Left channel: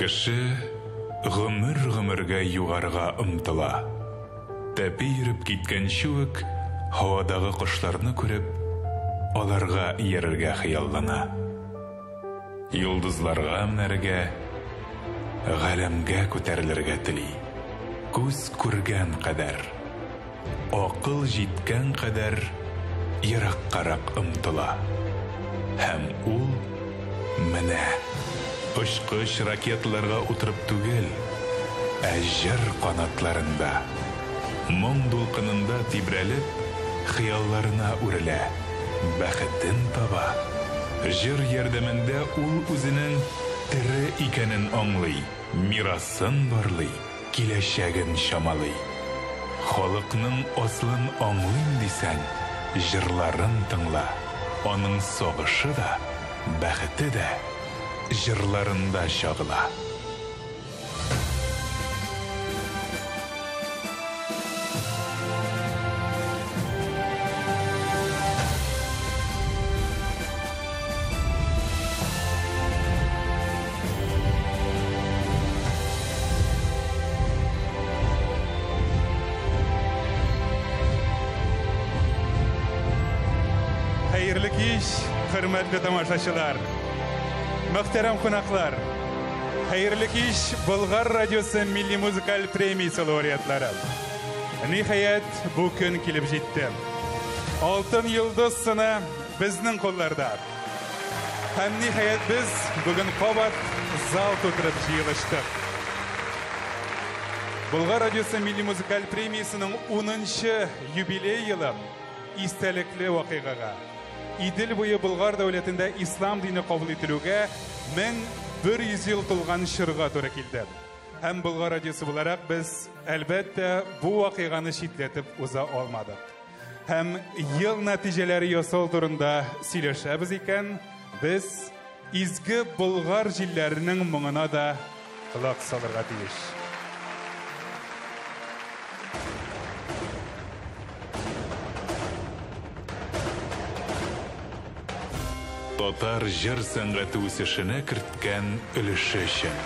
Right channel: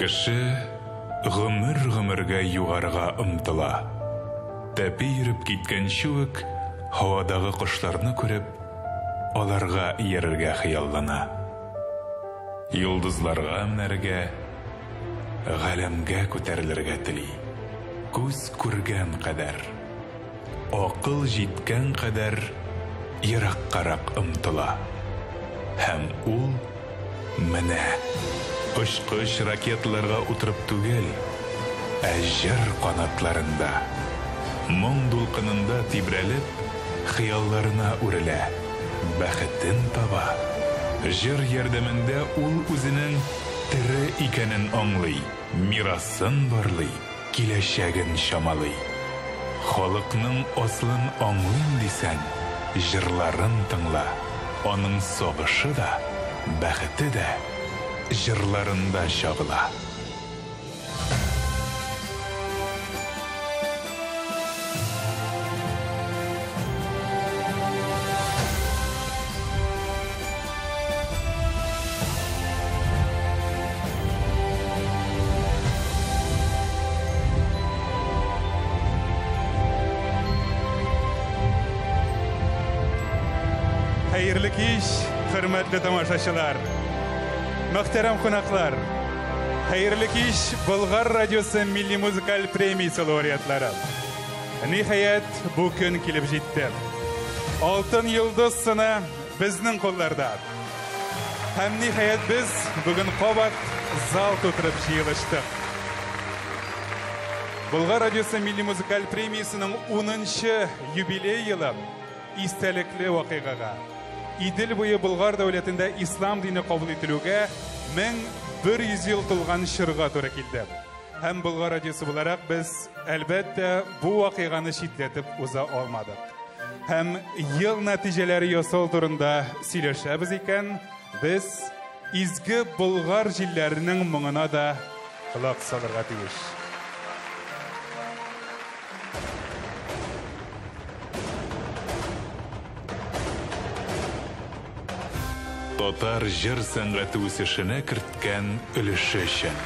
Кеше гомер-гомергә югарыга ымтыла. Тәпи йөреп киткәнче үк һавадагы кошларны күреп, аларга иярергә хыяллана. Йолдызларга менәргә, галәмгә күтәрелергә тели. Күз күргән кадәр, акыл җиткән кадәр ераккарак ымтыла. Һәм ул менә Пышкыш ракетларга утырып түгел, ә җыр канатларында, моң дулкынында тибрәлеп, хыялларына үрелә, бәхетен таба. Җыр ярдәмендә ул үзенең тире икәнен аңлый, мирасын барлый, киләчәген чамалый. Халыкның аслын аңлыйм дисәң, җырларын тыңла. Аның сагышы да, бәхете дә җырларында чагыла. Hayırlı kеш, hürmetli tamaşaçılar, muhterem konaklар. Hayırlı kеш, Bulgar Radyosu Milli Müzikal Premiyası laureatlары. Nihayet bu gün kelip жетті. Altın yıldız sını bizning qo'llarda. Hem nihayet biz bugün qavat zal to'kirib yig'ishdik. Bulgar Radyosu Milli Müzikal Premiyasının 10-cı юбилей yılı istelikli vakigaga. İdil boyu Bulgar devletinde İslam dini kabul edilüge 1100 yıl tılgan şırga to'g'ri keldi. Hem Bulgar Radyosu olarak biz elbette bu vakigani şidletip uza olmadık. Hem yıl neticeleri yasal turunda söyleşemiz iken biz izgi Bulgar jillerinin muğuna da kulak salırga tiyiş. Татар җыр сәнгате үсешенә керткән өлеше өчен.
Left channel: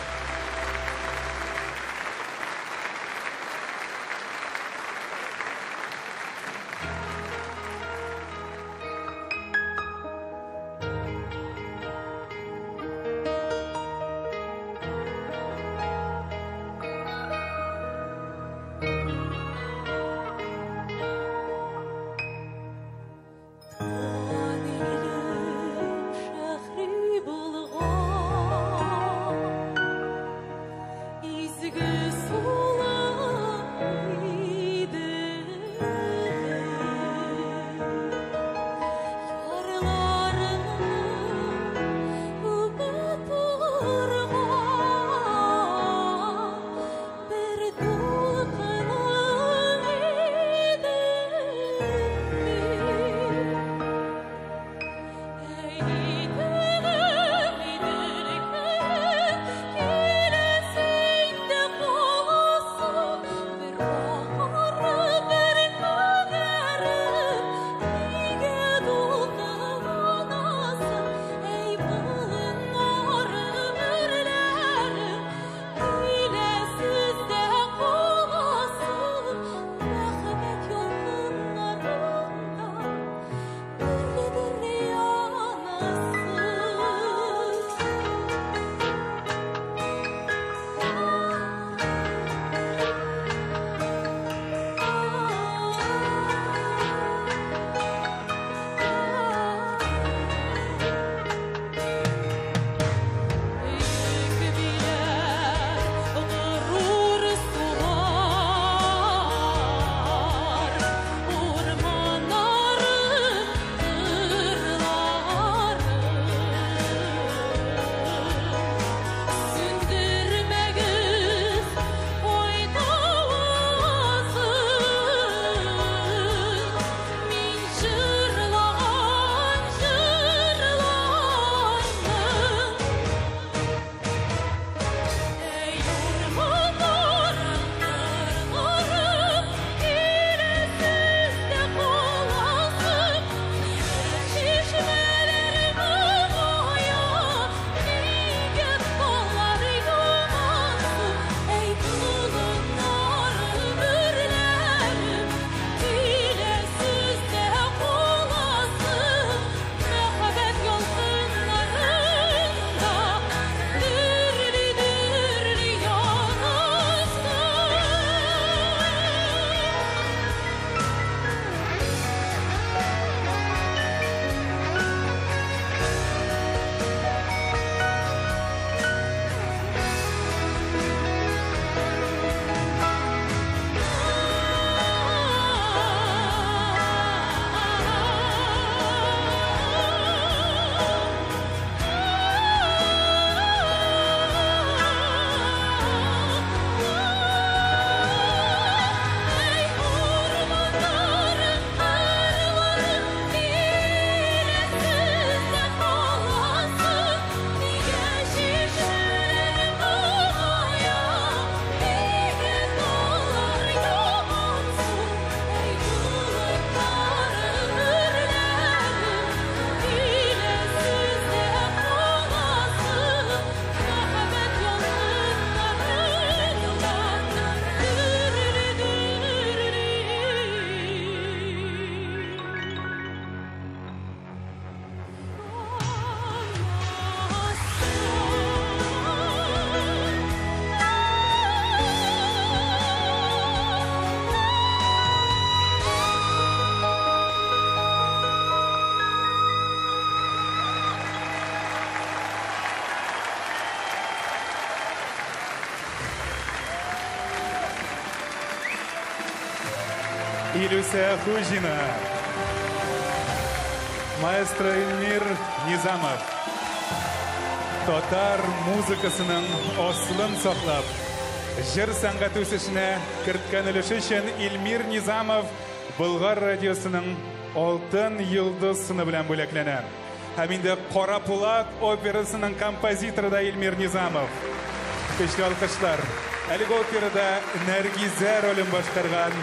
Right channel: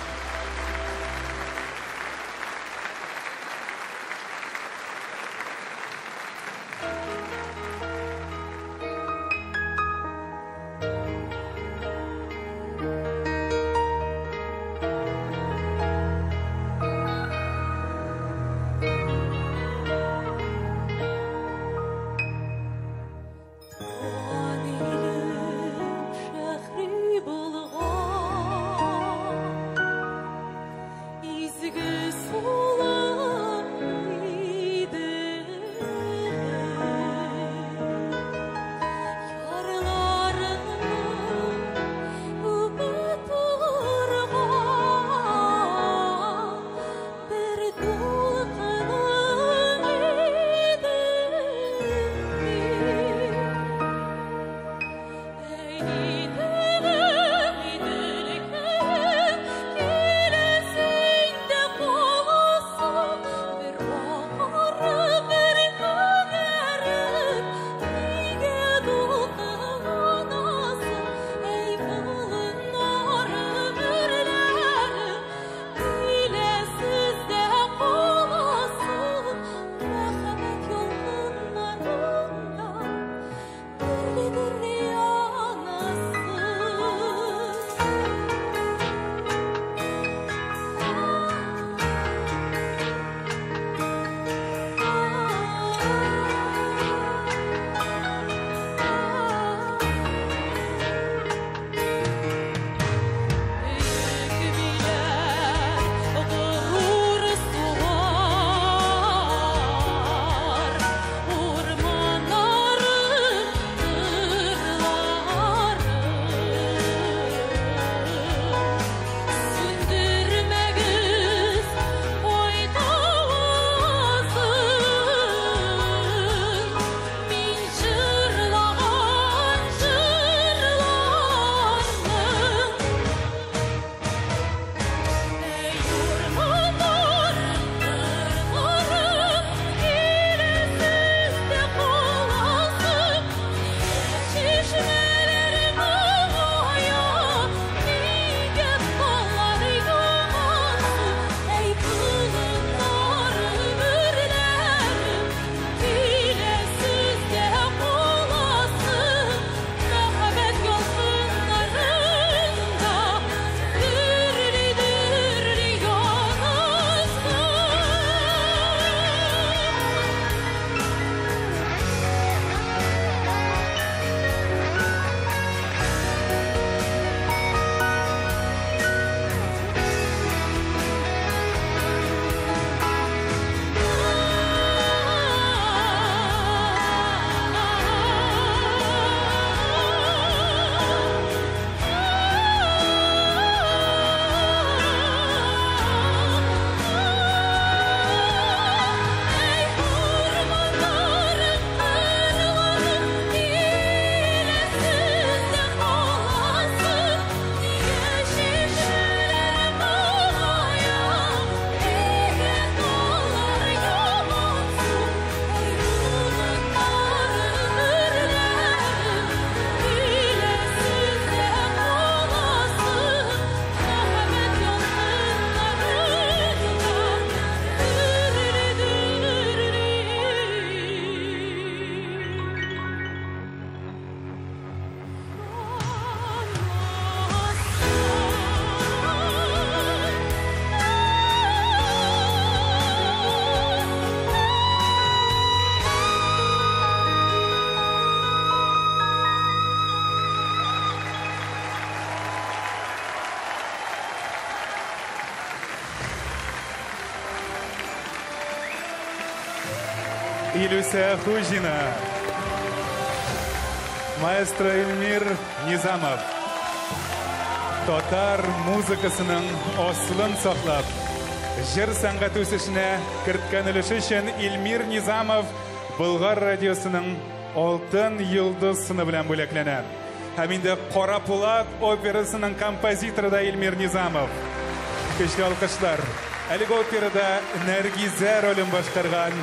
Илюся Хужина. Maestro Elmir Nizamov. Tatar muzikasının aslını saklap, jir sanat o'sishini kiritgan ulushi uchun Elmir Nizamov Bulg'or radiosuning oltin yulduz sini bilan bo'laklanadi. Hamda Qora Po'lat operasining kompozitori da Elmir Nizamov. Kuchli olqishlar. Aliga operada Nargiza rolini boshqargan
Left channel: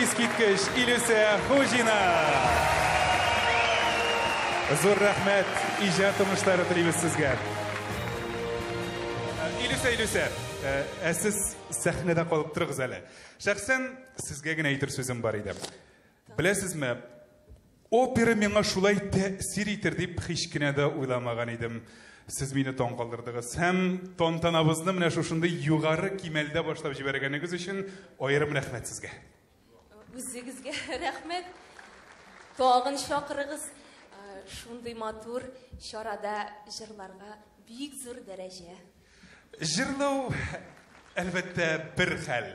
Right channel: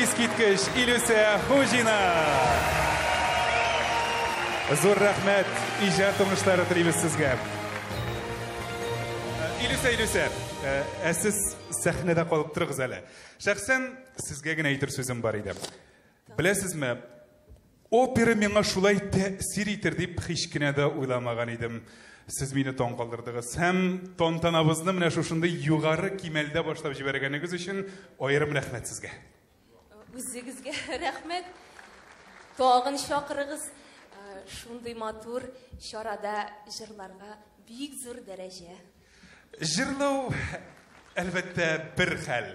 eskitkish Ilюся Хужина. Zo'r rahmat, ijod turmushlari tilaymiz sizga. Ilюся, siz sahnada qolib turibsiz hali. Shaxsan sizgagina aytir so'zim bor edi. Bilasizmi, opera menga shulay ta'sir etir deb hech kunada o'ylamagan edim. Siz meni to'n qoldirdingiz. Ham tontanamizni mana shunday yuqori kimelda boshlab jibarganingiz uchun ayrim rahmat sizga. O'zingizga rahmat. Tog'in shoqirig'iz shunday motor shorada jırlarga büyük zo'r daraja. Jırlaw albatta bir xil.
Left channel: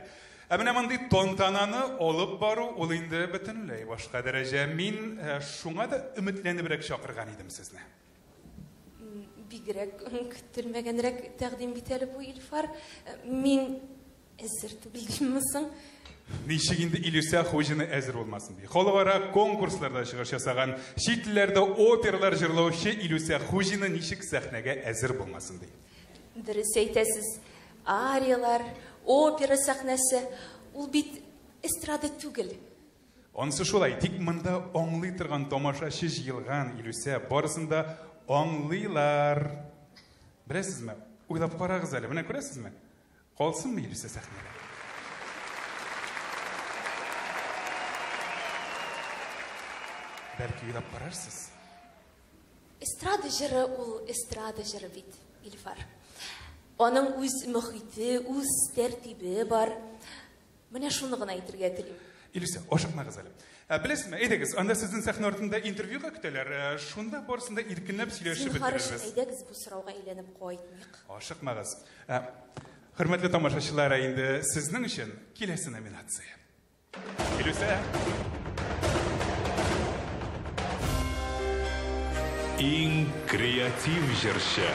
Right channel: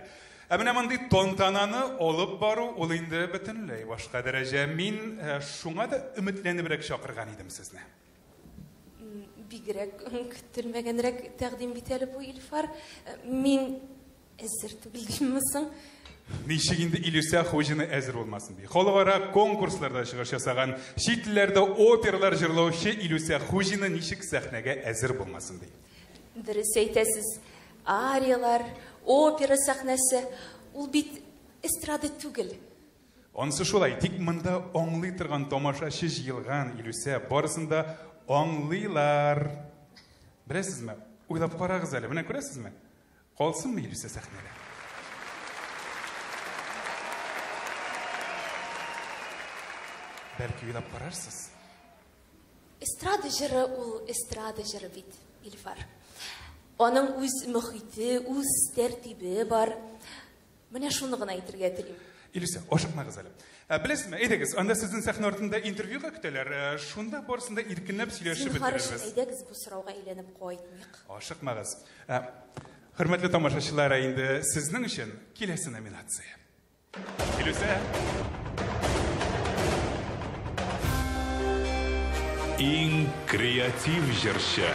Ammo bunday tontanani olib boru ol endi butunlay boshqa daraja. Men shunga da umidlanibroq chaqirgan edim sizni. Bigrak kutilmaganroq taqdim etilib bu ilfar men azirtib bildimmisan? Nishiginde Ilюся Хужина әзір olmasın diye. Xalqaro konkurslarda chiqish yasagan, chet tillarda operalar jırlovchi Ilюся Хужина nishik sahnaga әзір bo'lmasin diye. Dürüst aytasiz, ariyalar, opera sahnasi, ul bit estrada tugil. Onысы шулай, тик мында аңлый торган тамашачы җыелган Ilюся барысында аңлыйлар. Беләсезме? Уйлап карагыз әле, менә күрәсезме? Калсынмы Ilюся сахнада? Belki uylab qararsiz. Estrada jiri ul estrada jiri bit ilfar. Onun o'z muhiti, o'z tertibi bor. Mana shuni g'ina aytirga tilim. Ilюся, oshaqmag'iz hali. Bilasizmi, aytasiz, anda sizning sahna ortida intervyuga kutalar. Shunda borsida erkinlab сөйләшib o'tiramiz. Hayda biz bu so'rovga aylanib qo'ymaylik. Oshaqmag'iz. Hurmatli tomoshabinlar, endi sizning uchun kelasi nominatsiya. Ilюся Eng kreativ jırşa.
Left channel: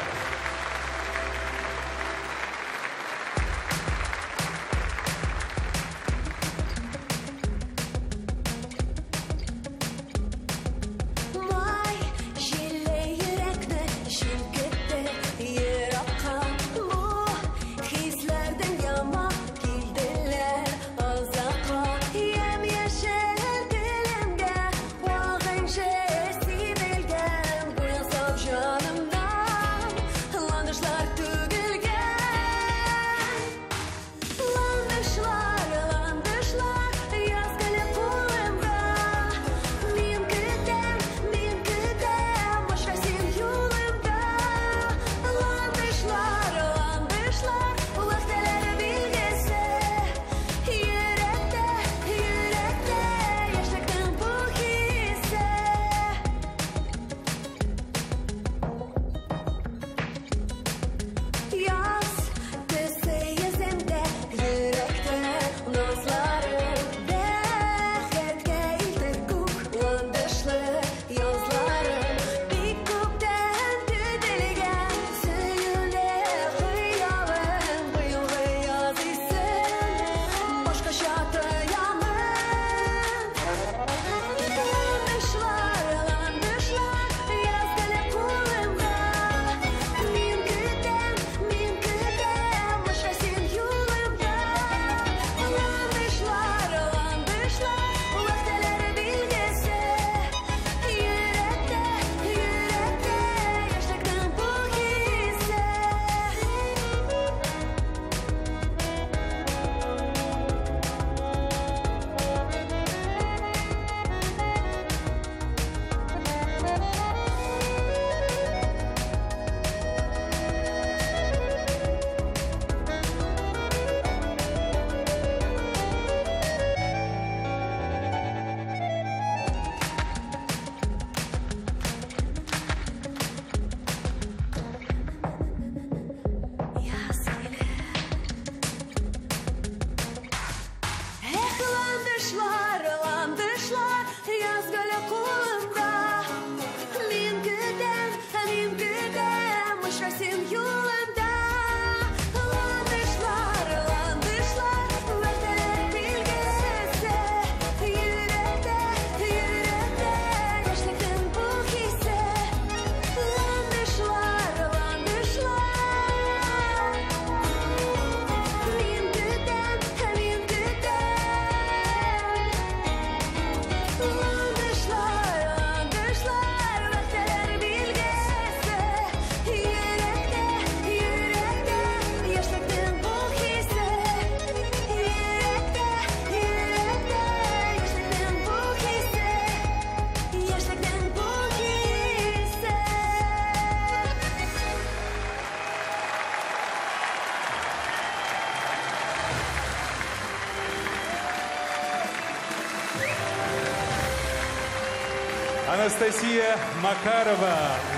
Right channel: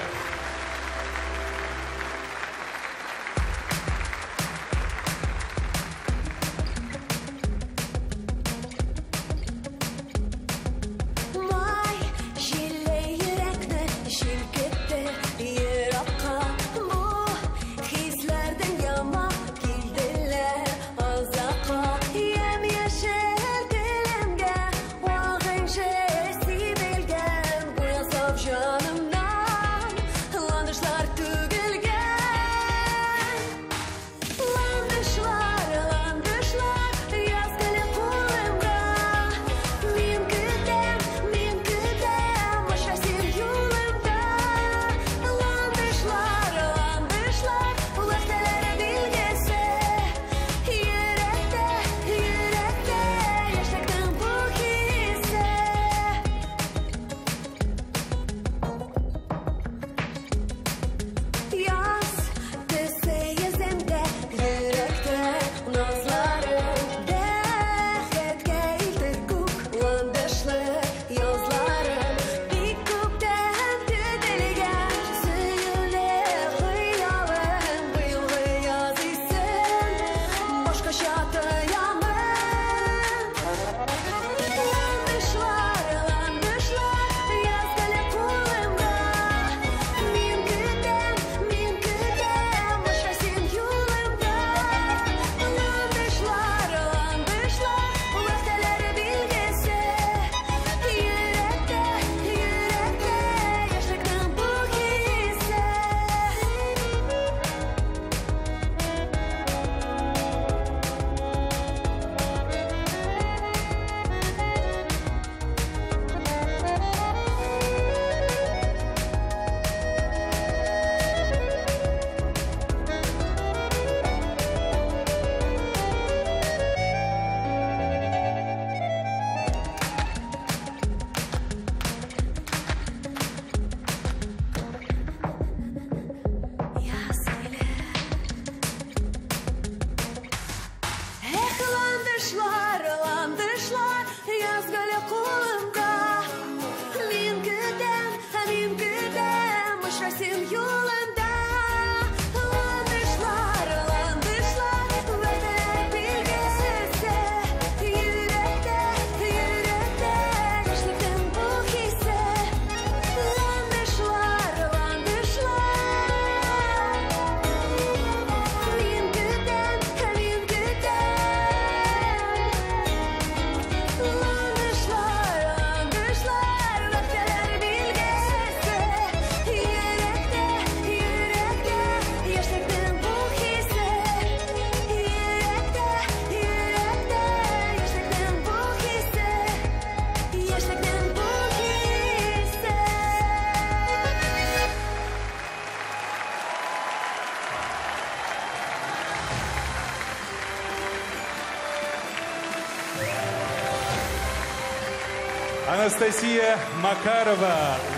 Анастасия Макарова,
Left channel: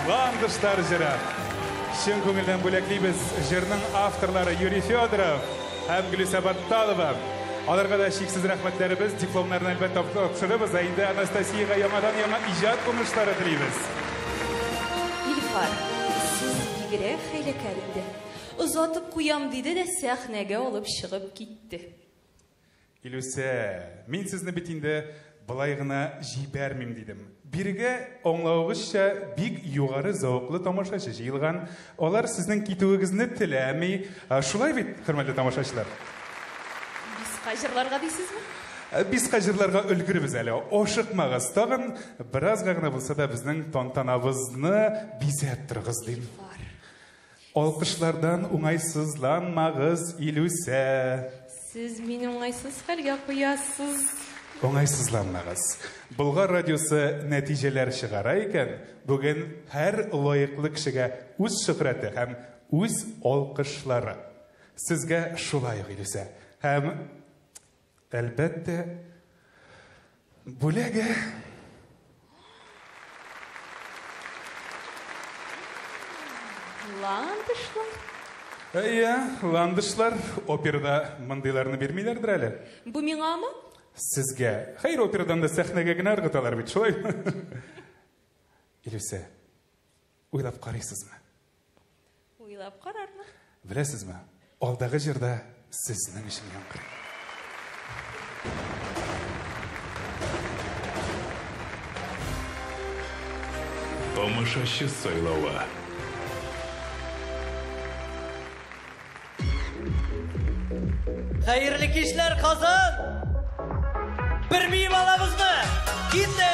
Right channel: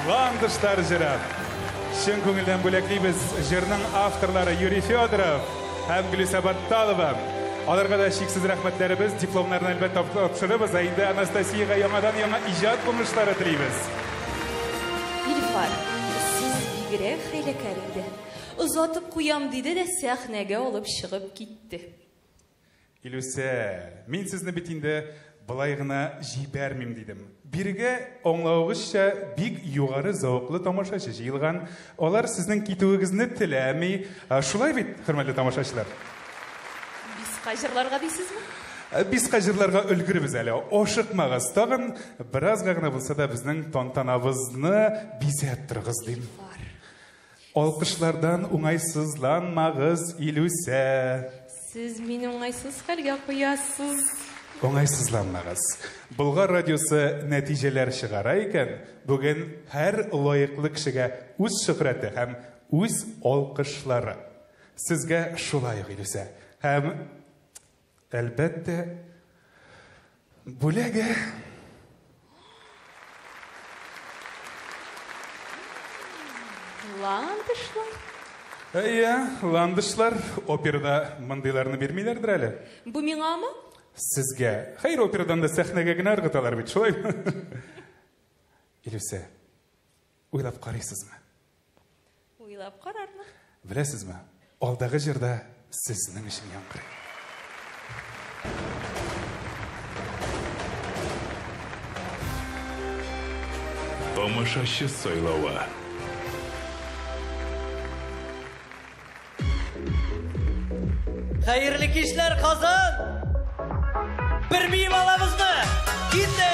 Ландыштар жыры. Шын көңілден бөлектейбіз жырның авторлары Юрий Федоров һәм Гүлиса Батталова. Аларға да шексіз рахмәтләребез, дипломларын әлбәттә тапшырабыз. Әйді Анастасияға яңадан ижад көміштары тілейбіз. Илфар, сіз бигерәк хәйләкәр инде. Озатып куям диде дә сәхнәгә алып чыгып китте. Илүсә, мин сезне бит инде былай гына җибәрмим дидем. Биргә аңлавыгызча бик югары зауклы тамашачы җыелган. Алар сезнең китүегезне теләми. Шулай бит, хөрмәтле тамашачылар? Бискә җырларга дисезме? Бискә җырларга өлгербез әле. Ашыкмагыз, тагын беразга гына булса да безнең тантанабызны бизәп торыгыз дим. Алкышлардан уңайсызланмагыз, Илүсә. Сіз мені оңайсыз хәлгә куясыз. Оңайсызланмагыз. Болгар радиосы нәтиҗәләр чыгара икән, бүген һәр лаеклы кешегә үз шөһрәте һәм үз алкышлары. Сезгә шулай Илүсә. Һәм әлбәттә бүләге Ландышлар. Ландышлар операда мындайларны бирмиләрдер әле. Бу миңамы? Сезгә. Хәйр, операдан да сәхнәгә генә ыргыталар бит, шулай. Илүсә, уйлап карыйсызмы? Уйлап карармын. Беләсезме? Алдагы җырда сезнең өчен яңгырый. Тамашачы сайлауы. Hayırlı kişiler kazan. Bir miyim alamızdı. Gitti.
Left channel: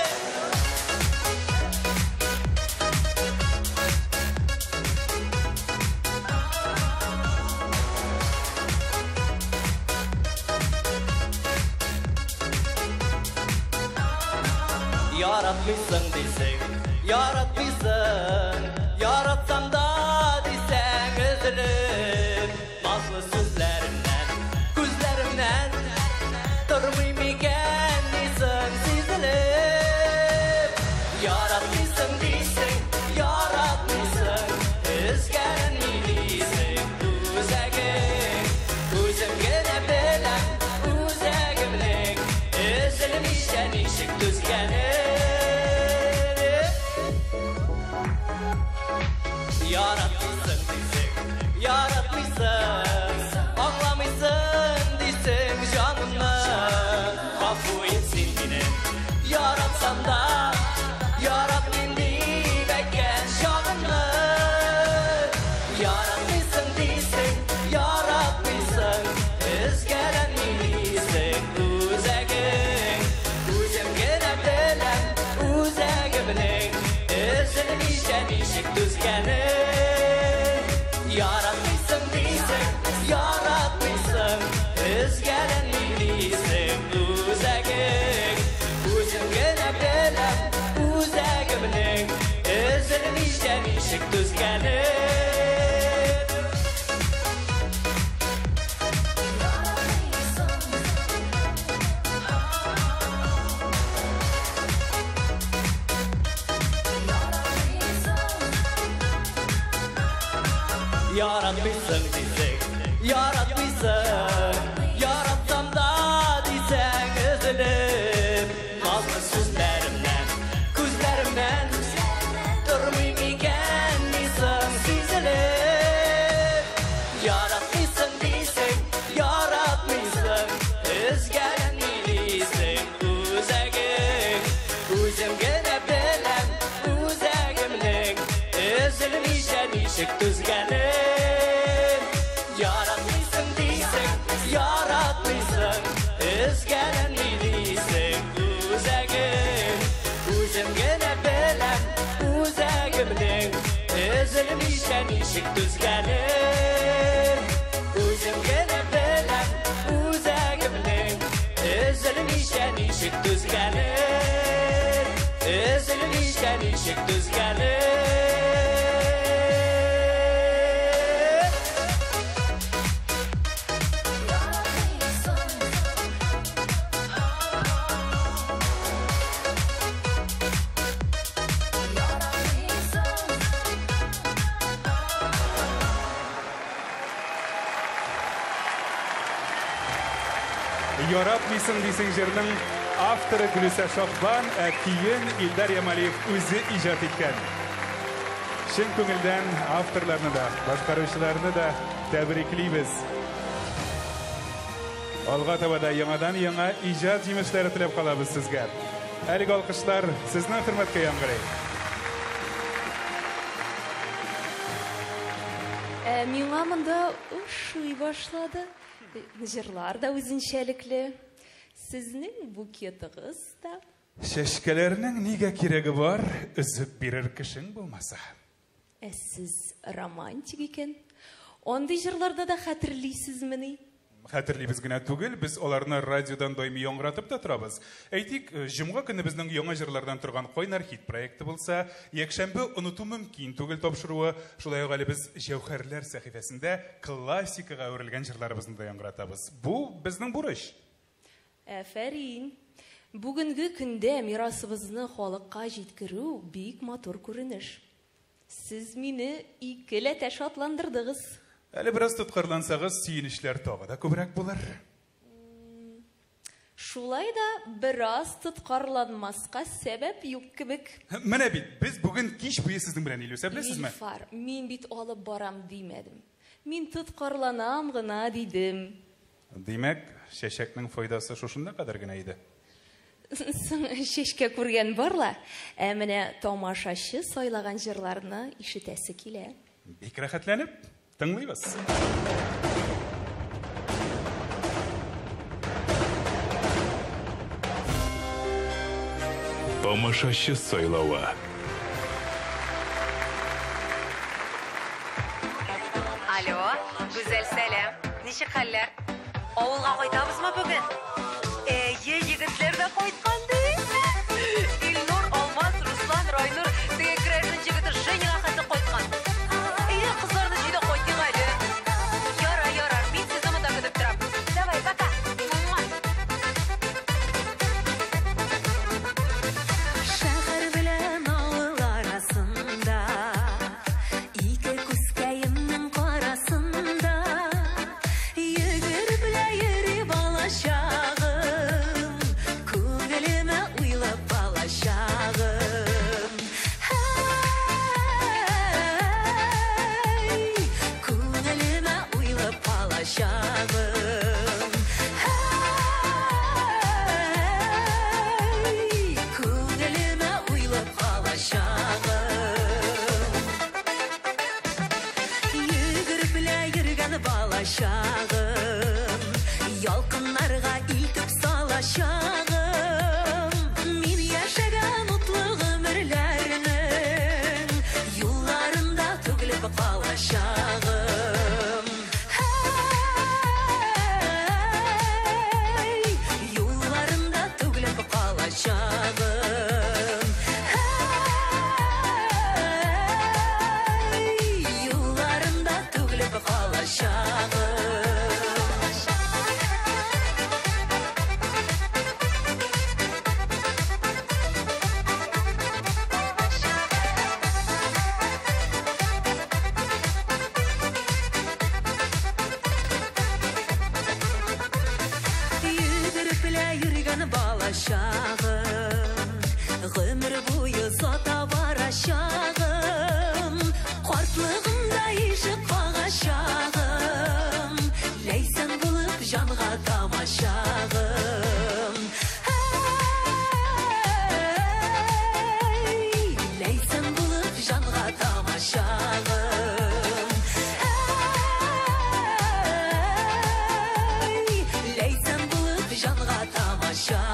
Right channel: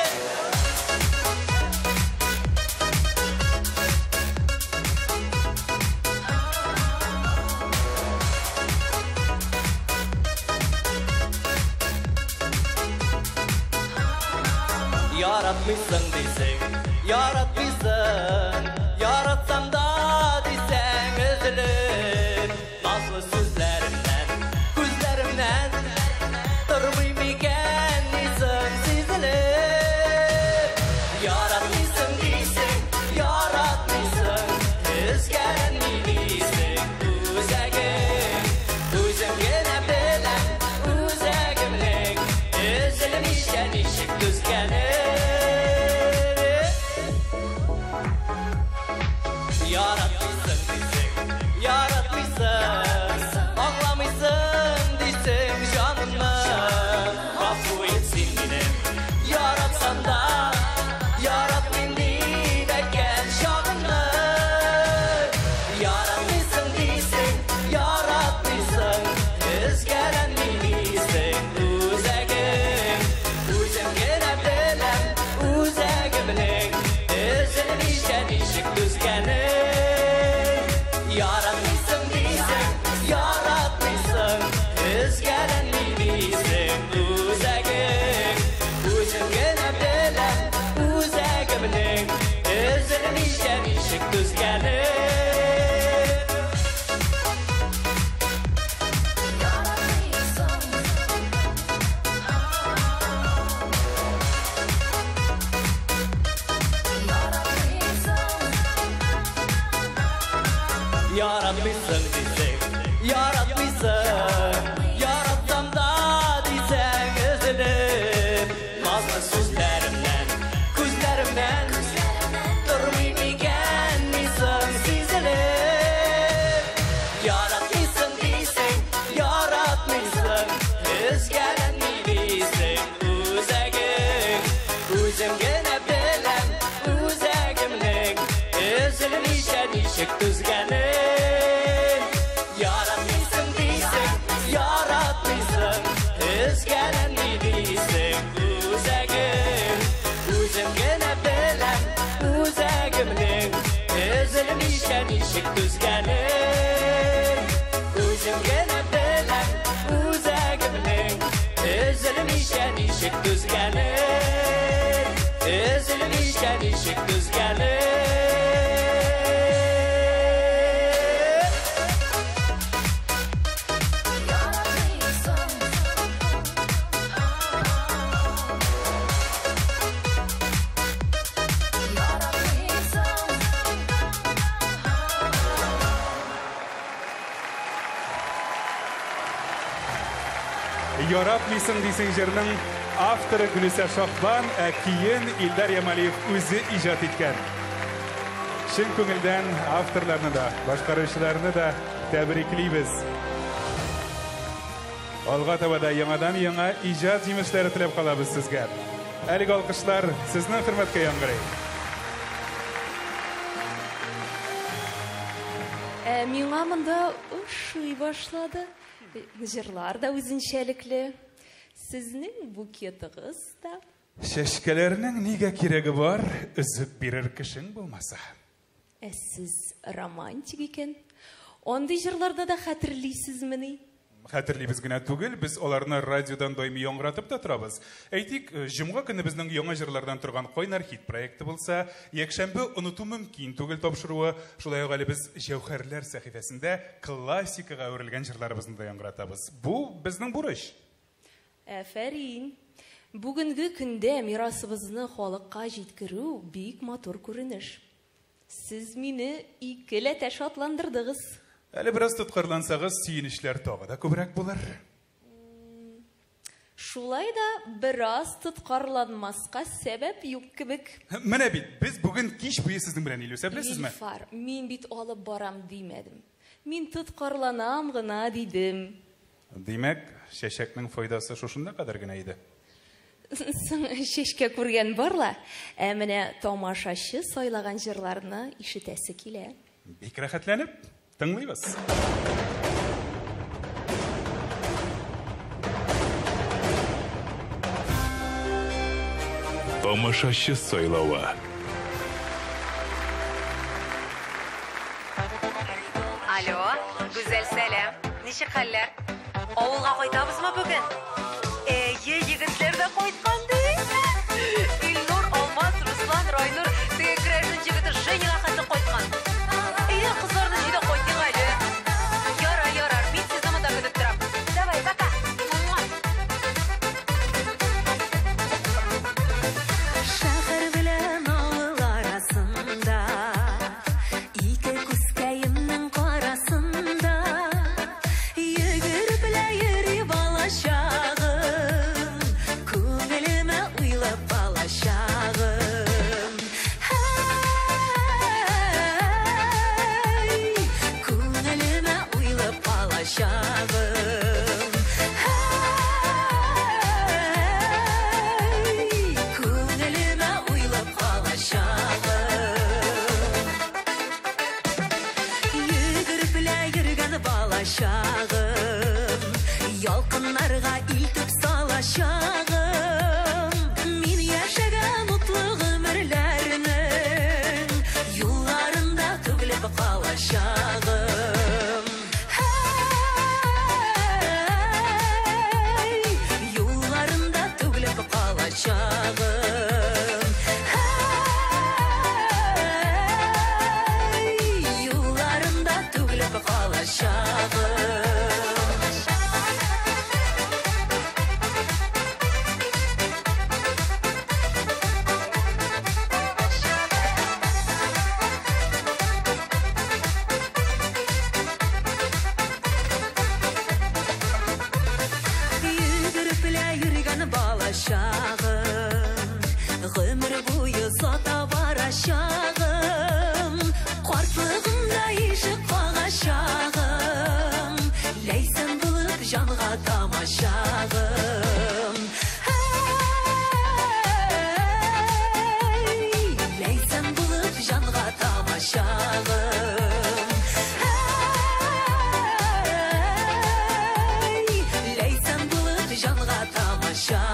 Yaratmışsın bizi, yaratmışsın. Yaratsam da desen üzülür. Nazlı sözlerimden, gözlerimden durmayım iken nisan sizilip. Yaratmışsın bizi, yaratmışsın. Özgen misin, özegin. Özüm gene bilen, özegimlik. Özlerim işten işik düzgeni. Yaratmışsın bizi, yaratmışsın. Anlamışsın desem canımı. Kabul etsin beni, yaratsan da. Yarattın dileken şanını. Yaratmışsın desem, yaratmışsın. Özgeren misin, özegin. Özüm gene bilen, özegimlik. Özlerim işten işik düzgeni. Yaratmışsın desem, yaratmışsın. Özgeren misin, özegin. Özüm gene bilen, özegimlik. Özlerim işten işik düzgeni. Yaratmışsın bizi, yaratmışsın. Yaratsam da desen üzülür. Nazlı sözlerimden, gözlerimden durmayım iken nisan sizilip. Yaratmışsın desen, yaratmışsın. Özgen misin, özegin. Özüm gene bilen, özegimlik. Özlerim işten işik düzgeni. Yaratmışsın desem, yaratmışsın. Özgen misin, özegin. Özüm gene bilen, özegimlik. Özlerim işten işik düzgeni. Özüm gene bilen, özegimlik. Özlerim işten işik düzgeni. Özlerim işten işik düzgeni. Yaratmıysın diysin jırının avtoru Gülüse Şahban, kiyin İldar Yamaliyev özü icad etken. Şın köngülden avtorlarını da, başkarışlarını da təbrikliyiz. Alğa tavada yangadan yanga icad yemişleri tilep kalabız sizge. Əlik alkışlar sizine hürmetke yangırayım. Миңа монда ошый башлады. Жырлар да үзенчәлекле. Сезнең букетыгыз да. Şeşkelerinin niga kiregi var, üzüp birer kişin bulmasa. Сез романтик икән. Андый җырларда да хәтерлисезмени? Хәтерлибез генә түгел, без аларны радиодан даими яңгыратып та торабыз. Әйтик, җомга көне безнең яңа җырлардан торган Кайнар хит проекты булса, якшәмбе оныту мөмкин түгел тапшыруы, шулай ук әле без Җәүһәрләр сәхифәсендә классикага әверелгән җырларыбызны да яңгыратабыз. Бу безнең бурыч. Афәрин. Бүгенге көндә мирасыбызны халыкка җиткерү бик матур күренеш. Сез мине икеләтә шатландырдыгыз. Әле бераз тоткарлансагыз, сөенечләр тагы да күбрәк булыр. Шулай да бераз тоткарланмаска сәбәп юк кебек. Менә бит, без бүген кич буе сезнең белән Илүсә беләсезме? Илфар, мин бит алып барам димәдем. Мин тоткарланам гына дидем. Димәк, чәчәкнең файдасы шушында кадәр генә иде. Шешкә күргән барла, ә менә тамашачы сайлаган җырларны ишетәсе килә. Бик рәхәтләнеп тыңлыйбыз. Тамашачы сайлауы. Алло, güzel сәлам. Ничек хәлләр? Авылга кайтабызмы бүген? Егетләр дә кайткан ди. Илнур, Алмаз, Руслан, Райнур, теге Крәшин җегете Женя хәзер кайткан. Кызларны җыйда кайтыйк әле. Ярар, мин сезне монда көтеп торам. Давай, пока. Шәһәр белән авыл арасында, ике күскәемнең карасында, йөгереп белә йөри балачагым, күңелемә уйлап балачагым. Күңелемә уйлап балачагым. Күңелемә уйлап балачагым. Йөгереп белә йөргән балачагым, ялкыннарга илтеп салачагым. Мин яшәгән утлы гомерләрнең юлларында түгелеп калачагым. Юлларында түгелеп калачагым. Юлларында түгелеп калачагым. Йөгереп белә йөргән балачагым, гомер буе зата барачагым. Картлыгымда ишек кагачагым, ләйсән булып җанга тамачагым. Ләйсән булып җанга тамачагым. Ләйсән булып җанга тамачагым.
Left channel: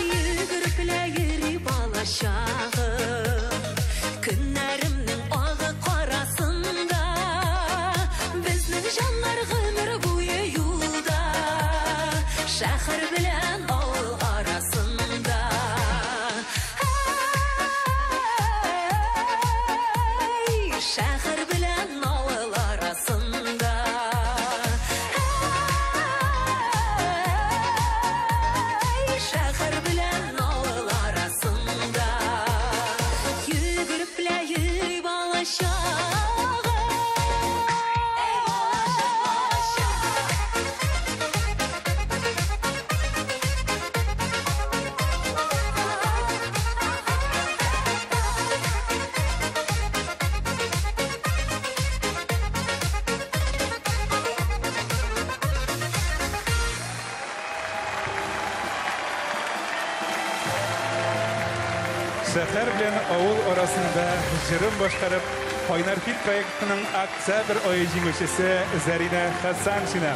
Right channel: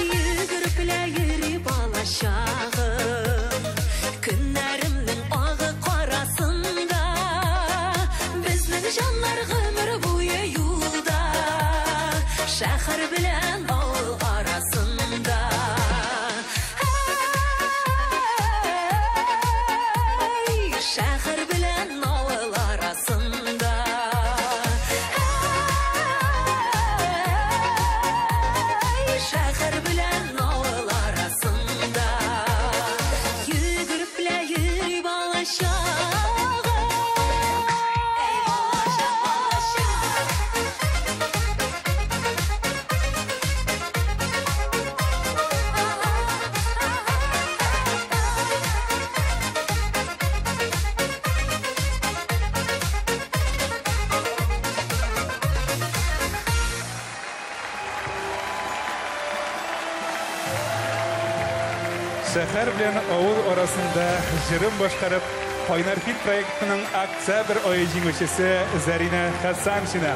Йөгереп белә йөри балачагым, көннәремнең агы карасында, безнең җаннар гомер буе юлда, шәһәр белән авыл арасында. Шәһәр белән авыл арасында. Шәһәр белән авыл арасында. Şehir bilen avul arasında jırım başkarıp Kaynar Hit proyektinin oktyabr ayı jingilchisi Zarina Hasanshina,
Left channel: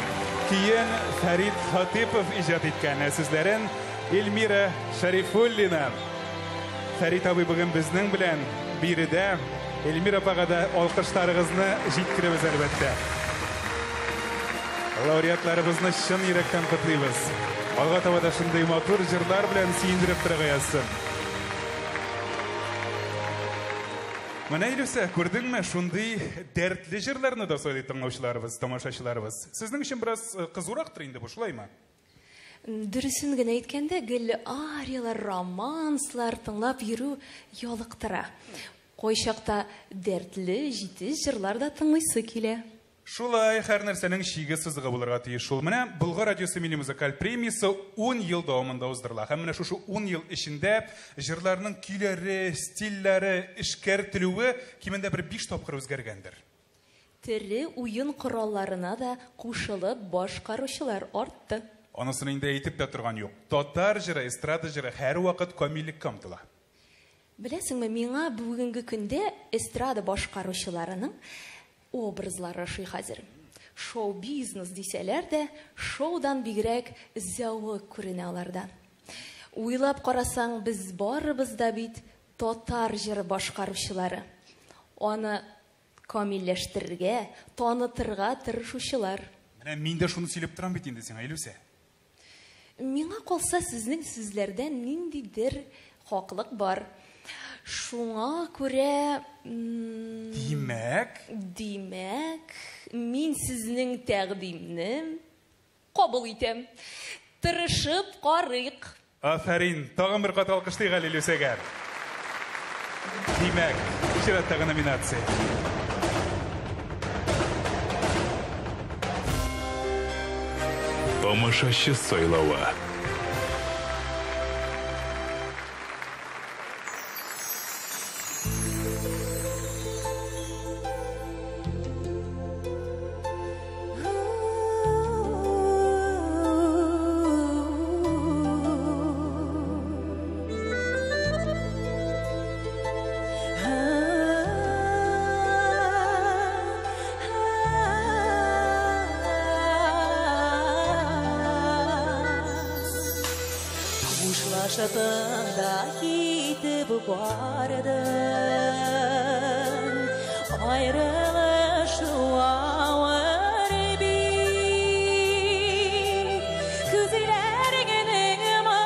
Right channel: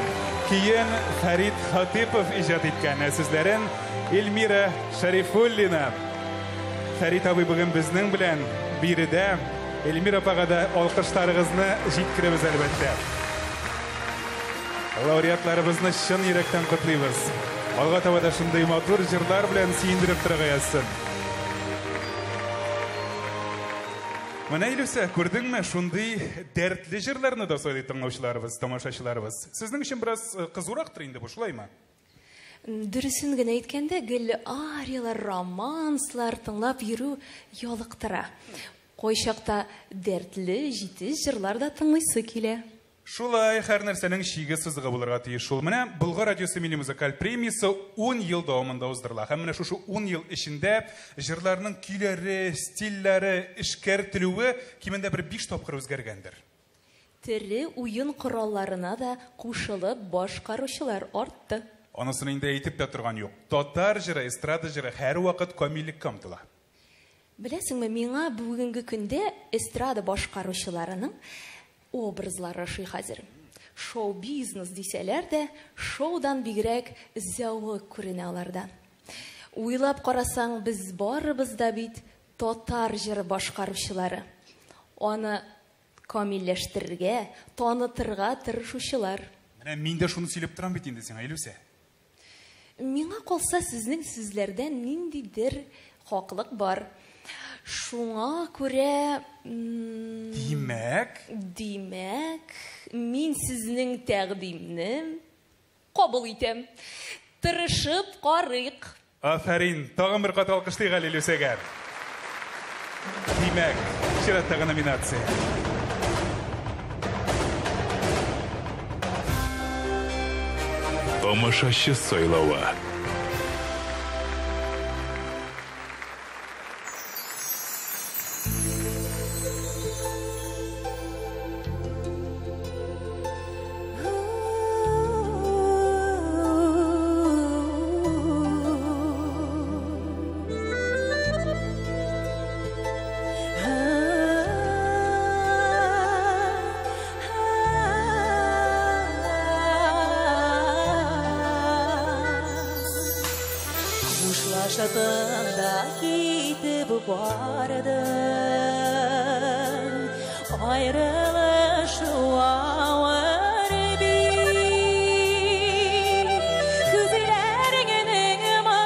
keyin Farid Hatipov ijod etgan sizlerin Elmira Sharifullina. Farid abi bugün bizning bilan birida Elmira apagada olqishlaringizni yetkazamiz albatta. Laureatlarimizni chin yurakdan qutlaymiz. Alga tavada shunday motor jirlar bilan siyindirib turg'ayasiz. Mana Ilyusa, ko'rdingmi, shunday dardli jirlarni da so'ylaydi tinglovchilarimiz, tomoshachilarimiz. Sizning uchun biroz qiziqroqdir endi bu, shulaymi? Dürüsün gene aytganda, gel ariyalar, romanslar tınlap yürü yoliqtira. Qo'yshaqda dardli, jitiz jirlar da tinglaysi kele. Шулай, һәр нәрсәнең шиге сызыгы булырга тиеш шул. Менә Болгар радиосы милли музыкаль премиясе 10 ел дәвамында уздырыла. Һәм менә шушы 10 ел эчендә җырларның көйләре, стильләре, эшкәртелүе кимендә бер 5 тапкыр үзгәргәндер. Төрле уен коралларына да кушылып башкаручылар артты. Анысын инде әйтеп тә торган юк. Татар җыры, эстрада җыры һәр вакыт камиллеккә омтыла. Беләсеңме, миңа бүгенге көндә эстрада башкаручыларының образлары шый хәзер. Шоу-бизнес дисәләр дә, шоудан бигрәк зәвык күренә аларда. Уйлап карасаң, без барыбыз да бит татар җыры башкаручылары. Аны камилләштерергә, танытырга тырышучылар. Менә мин дә шуны сөйләп торам бит инде сиңа, Илюся. Миңа калса, сезнең сүзләрдән ниндидер хаклык бар. Шуңа күрә... Димәк, мин сезнең тәкъдимне кабул итәм. Тырышып карыйк. Афәрин, тагын бер кат алкышлыйк әле Илюсәгә. Димәк, чираттагы номинация. Тамашачы сайлауы. Şatında gidip vardım, ayrılış var bir. Gözlerinin ımı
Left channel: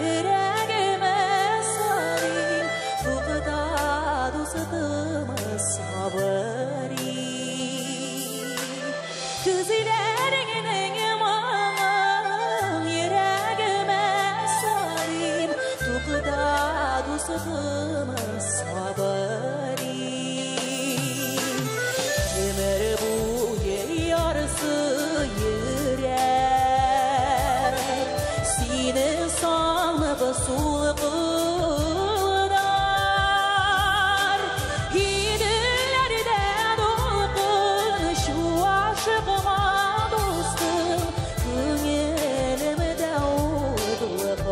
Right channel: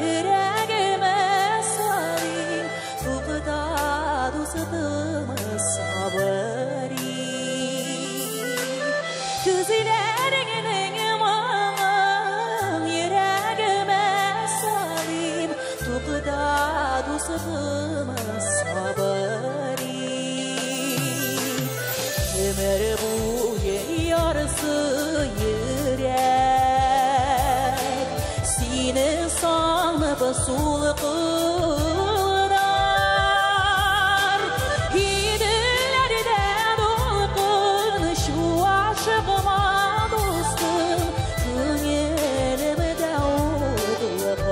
yüreğime salayım, tuğda dostumı sabırı. Gözlerinin ımı yüreğime tuğda dostumı sabırı. Ömür boyu yarısı yürek, seni sanıp sulğunar. Gidillerde dokun şu aşkıma dostum, gönlümde oğluklar.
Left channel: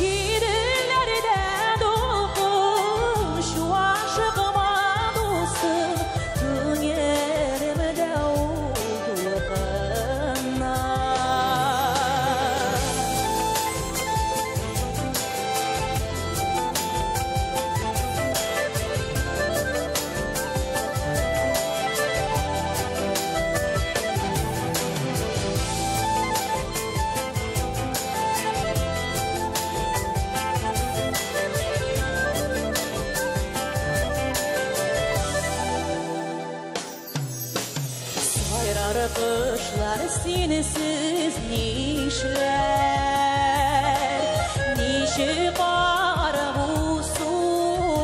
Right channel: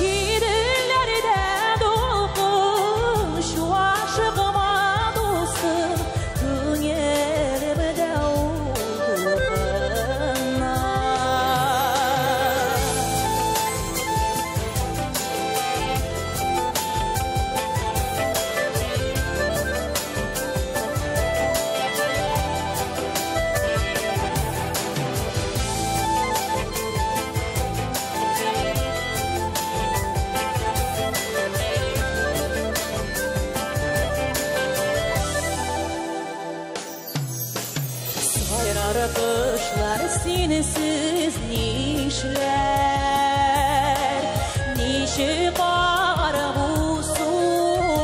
Gidillerde dokun şu aşkıma dostum, gönlümde oğluklar. Sayrar kışlar sinesiz nişler, nişi kar bu sular.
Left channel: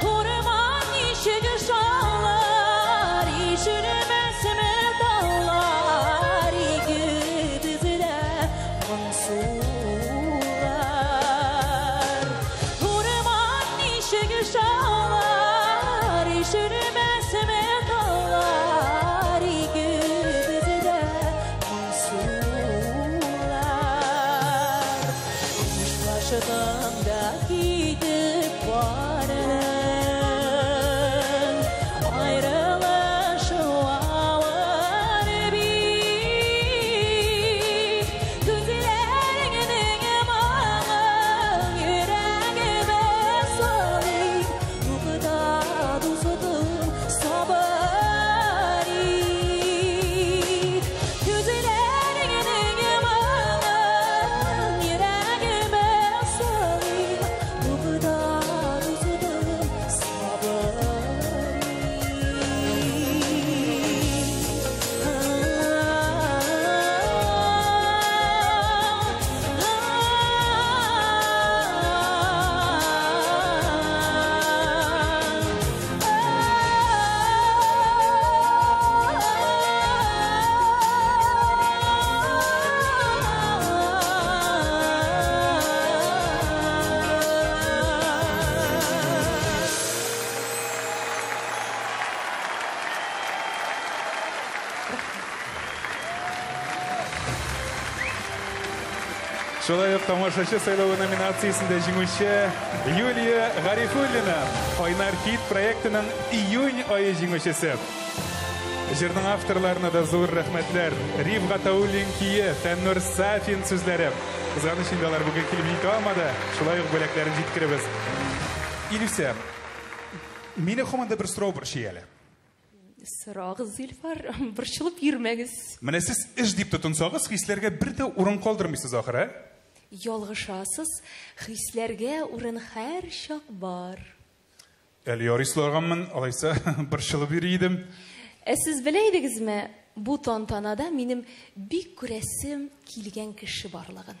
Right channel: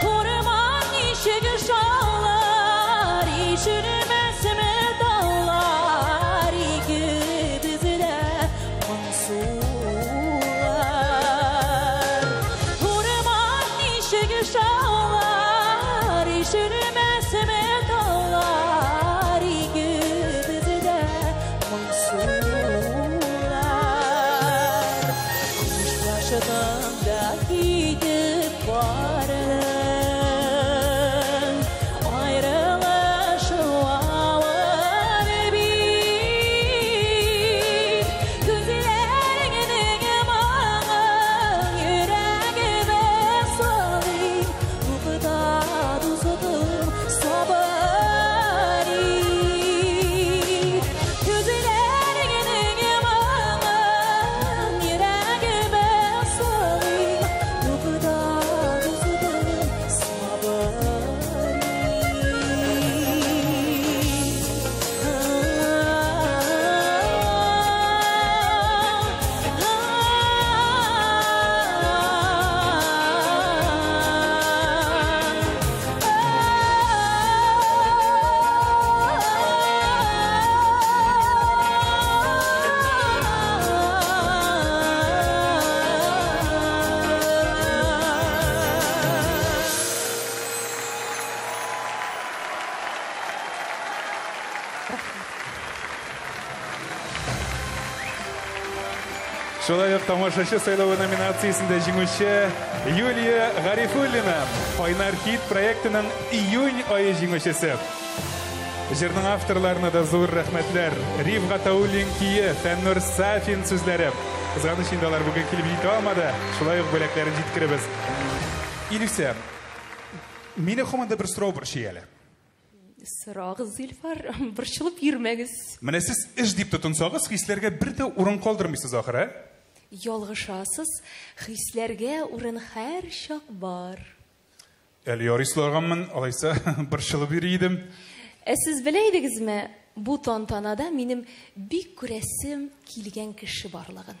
Kurman nişi şallar, işirmez mi dağlar, güdüzde sular. Kurman nişi şallar, işirmez mi dağlar, güdüzde sular. Шулай ук тамашачы сайлауы номинациясында җиңүче Юлия Гарифуллина, Кайнар хит проектының июнь айы җиңүчесе. Җырның авторларына да зур рәхмәтләр. Риф Гатауллин кие, Фәннур Сафин сүзләре. Кызганыч инде алар бүген килеп җитә алмады. Шулай ук бүләкләрен җиткерәбез. Илүсә, мине команда бер сорау борчый. Сұрағыз, Илфар, борчылып йөрмәгез. Менә сез эш дип тотынсагыз, хисләргә бер дә урын калдырмыйсыз ахыры. Ялгышасыз, хисләргә урын һәр чак бар. Әле ярыйсызлаганмын, алайса борчылып йөри идем. Сез белә идегезме, бу тантанада минем бик күрәсем килгән кеше барлыгын.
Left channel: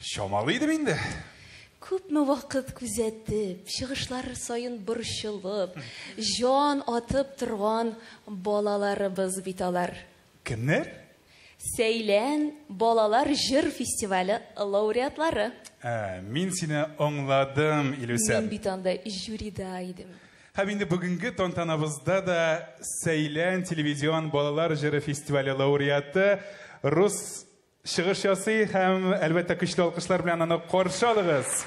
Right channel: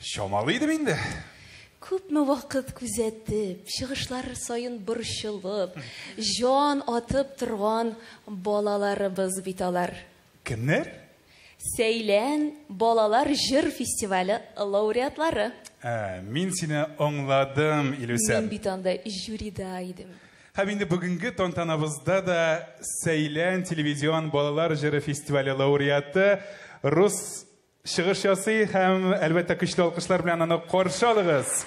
Шамалы идем инде. Күпме вакыт күзәтеп, чыгышлар сайын борчылып, жан атып торган балаларыбыз бит алар. Кемнәр? Сәйлән балалар җыр фестивале лауреатлары. Мин сине аңладым, Илүсә. Мин бит анда жюрида идем. Һәм инде бүгенге тантанабызда да Сәйлән телевизион балалар җыры фестивале лауреаты рус чыгыш ясый һәм әлбәттә көчле алкышлар белән аны каршы алыгыз.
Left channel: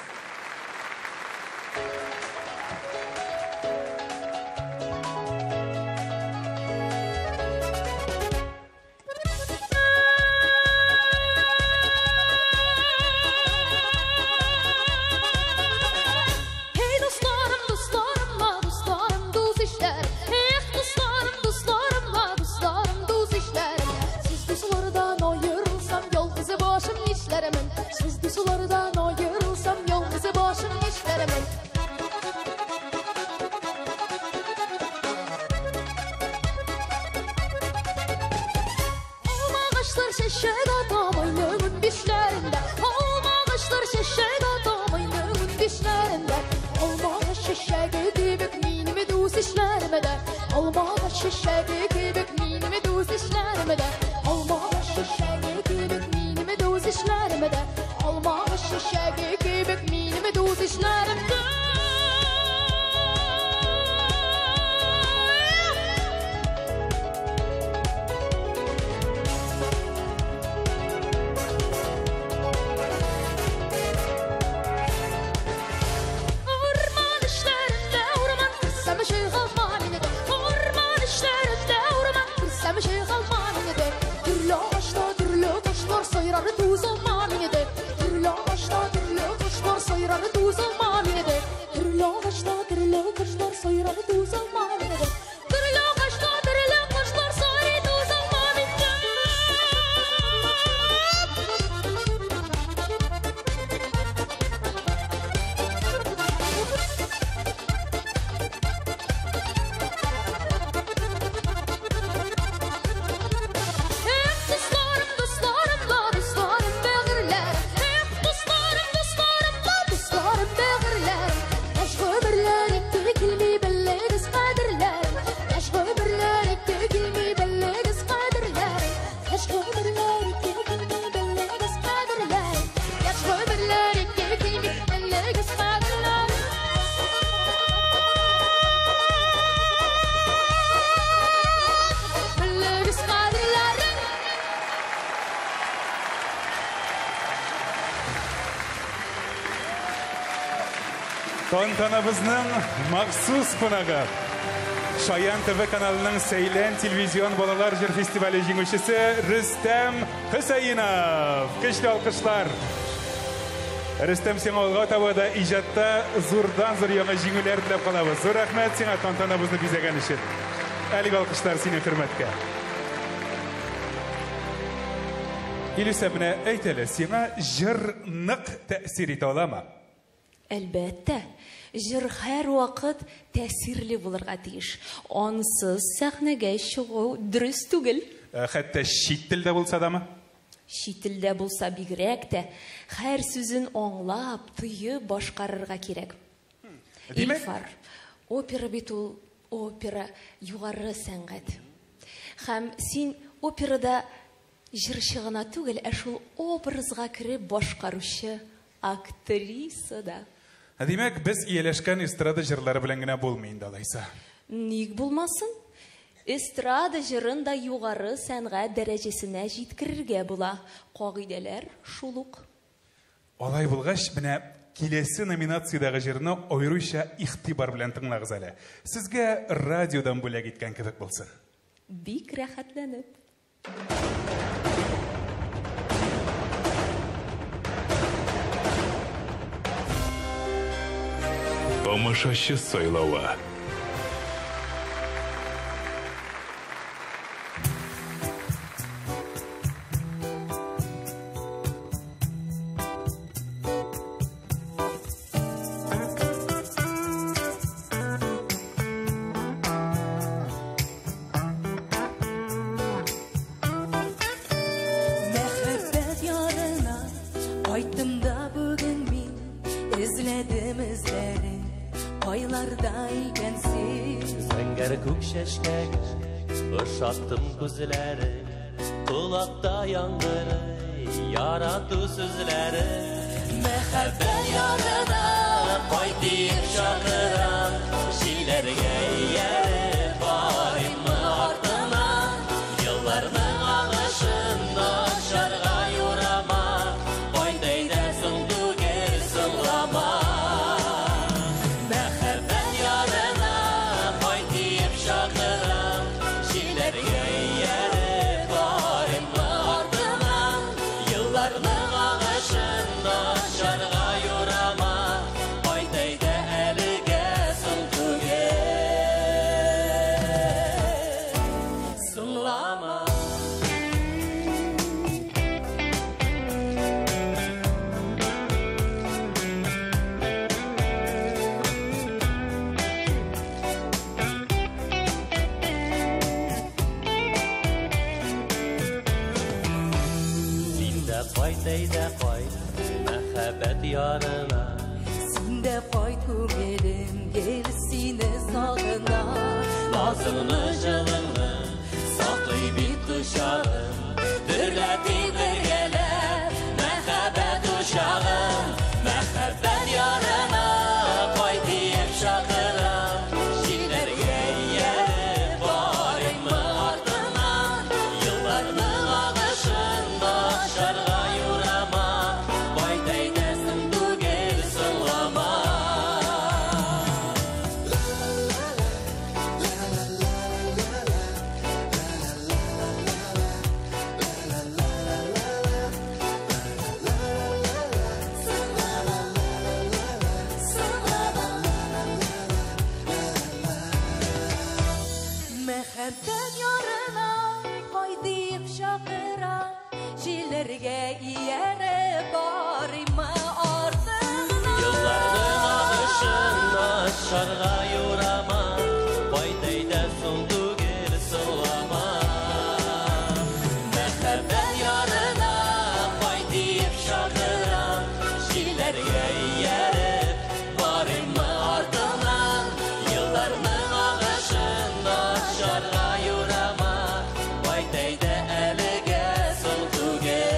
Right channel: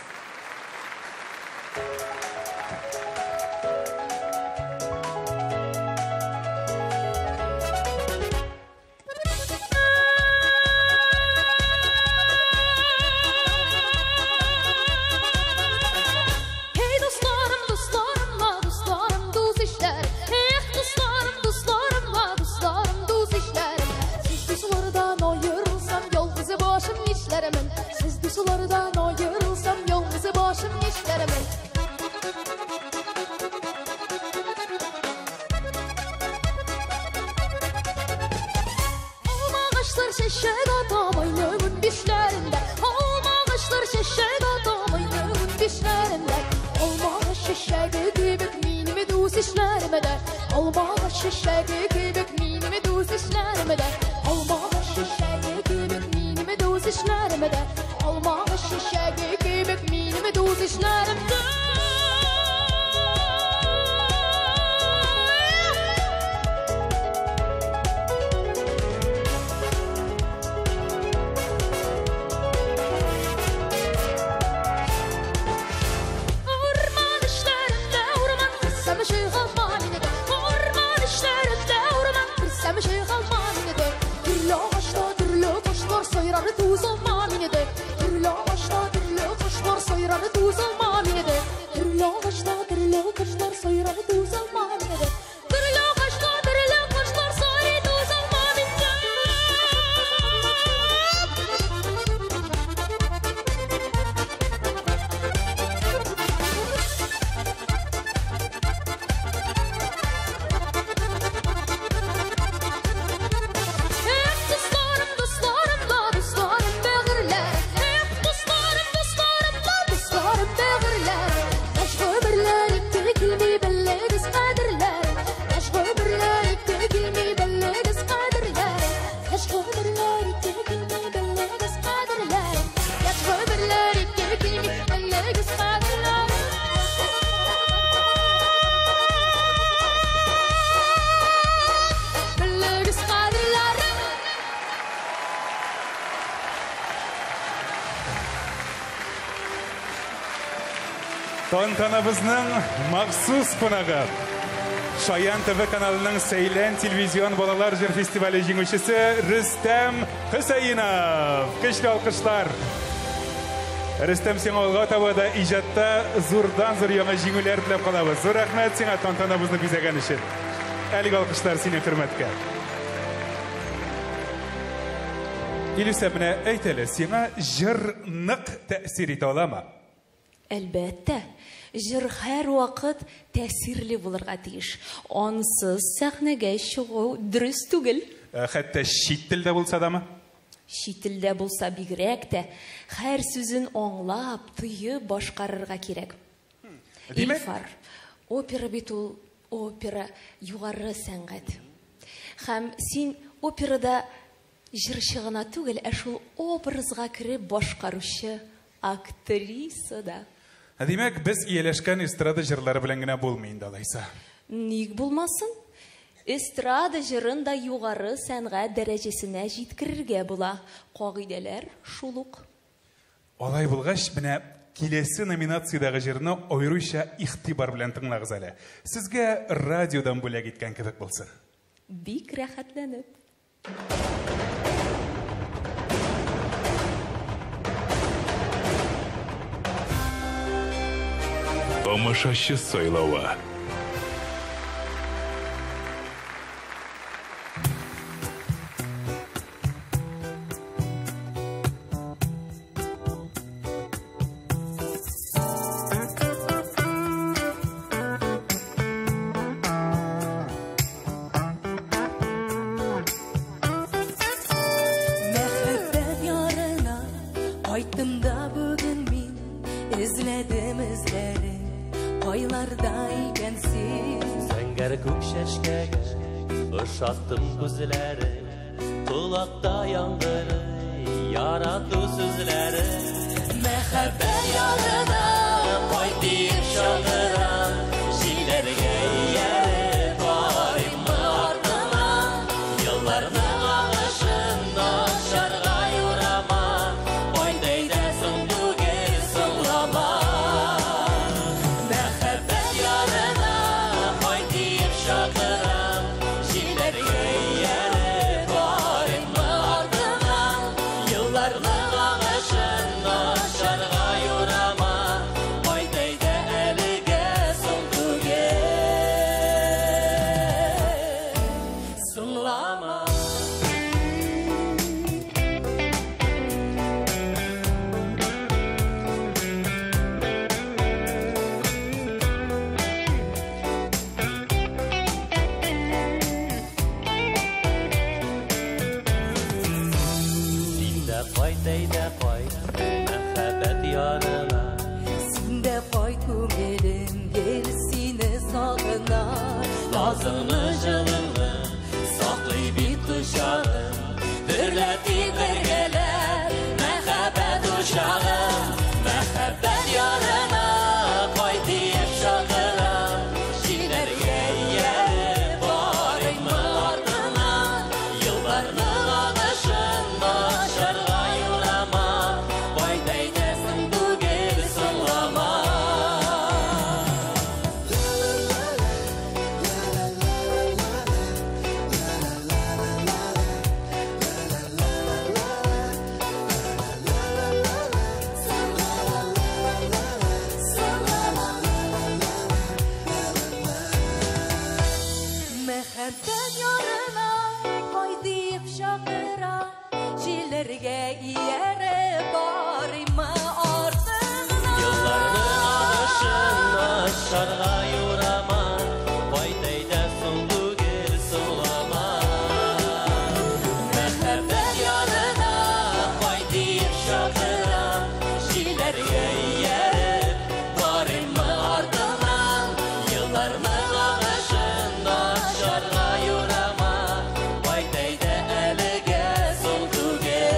Тантанабызның махсус қонағы. Шаян ТВ каналының Сәйлән телевизион балалар җыр фестивале җиңүчесе Рөстәм Хөсәенов. Көчле алкышлар. Рөстәм, сиңа алга таба да иҗатта зурдан-зур яңа җиңүләр теләп калабыз. Зур рәхмәт сиңа тантанабызны бизәгән өчен. Әлеге алкышлар сине хөрмәткә. Илүсә, менә әйт әле, сиңа җыр нык тәэсир итә аламы? Әлбәттә, җыр һәр вакыт тәэсирле булырга тиеш. Ансыз сәхнәгә чыгу дөрес түгел. Хәтта чит телдә булса дамы? Чит телдә булса бигрәк тә, һәр сүзен аңлап, тыйып башкарырга кирәк. Илфар, опера бит ул, опера югары сәнгать. Һәм син операда җырчы гына түгел, шул образга кирип башкаручы актриса да. Димәк, без ияләшкән эстрада җырлары белән генә булмый инде алайса. Ник булмасын? эстрада жырын да югары сәнгать дәрәҗәсенә җиткерергә була. Кагыйдәләр шулук. Алай булгач, менә киләсе номинациядәге җырны аеруча игътибар белән тыңлагыз әле. Сезгә радиодан бүләк иткән кебек булсын. Бик рәхәтләнеп. Тамашачы сайлауы. Ышаттым күзләре, колакта янды, ярату сүзләре. Мәхәббәт ярына кайтып шагырам, җилләргә ияреп барыйм артыннан. Елларның агышын ашарга юрама, кайдай да соң түгел сыңлама. Мәхәббәт ярына кайтып шагырам, җилләргә ияреп барыйм артыннан. Елларның агышын ашарга юрама, кайдай да әлегә соң түгел сыңлама. Син дә кайт, әйдә кайт, мәхәббәт ярына. Син дә кайт күңелем, гел сине сагына. Назыңны, җылыңны саклый бит кочагым, дөрләтми бергәләп мәхәббәт учагым. Мәхәббәт ярына кайтып шагырам, җилләргә ияреп барыйм артыннан. Елларның агышын ашарга юрама, кайдай да соң түгел сыңлама. Мәхәббәт ярына кайтып шагыра, җилләргә ияреп барыйм артыннан. Елларның агышын ашарга юрама, кайдай да соң түгел сыңлама. Мәхәббәт ярына кайтып шагырам, җилләргә ияреп барыйм артыннан. Елларның агышын ашарга юрама, кайдай да әлегә соң түгел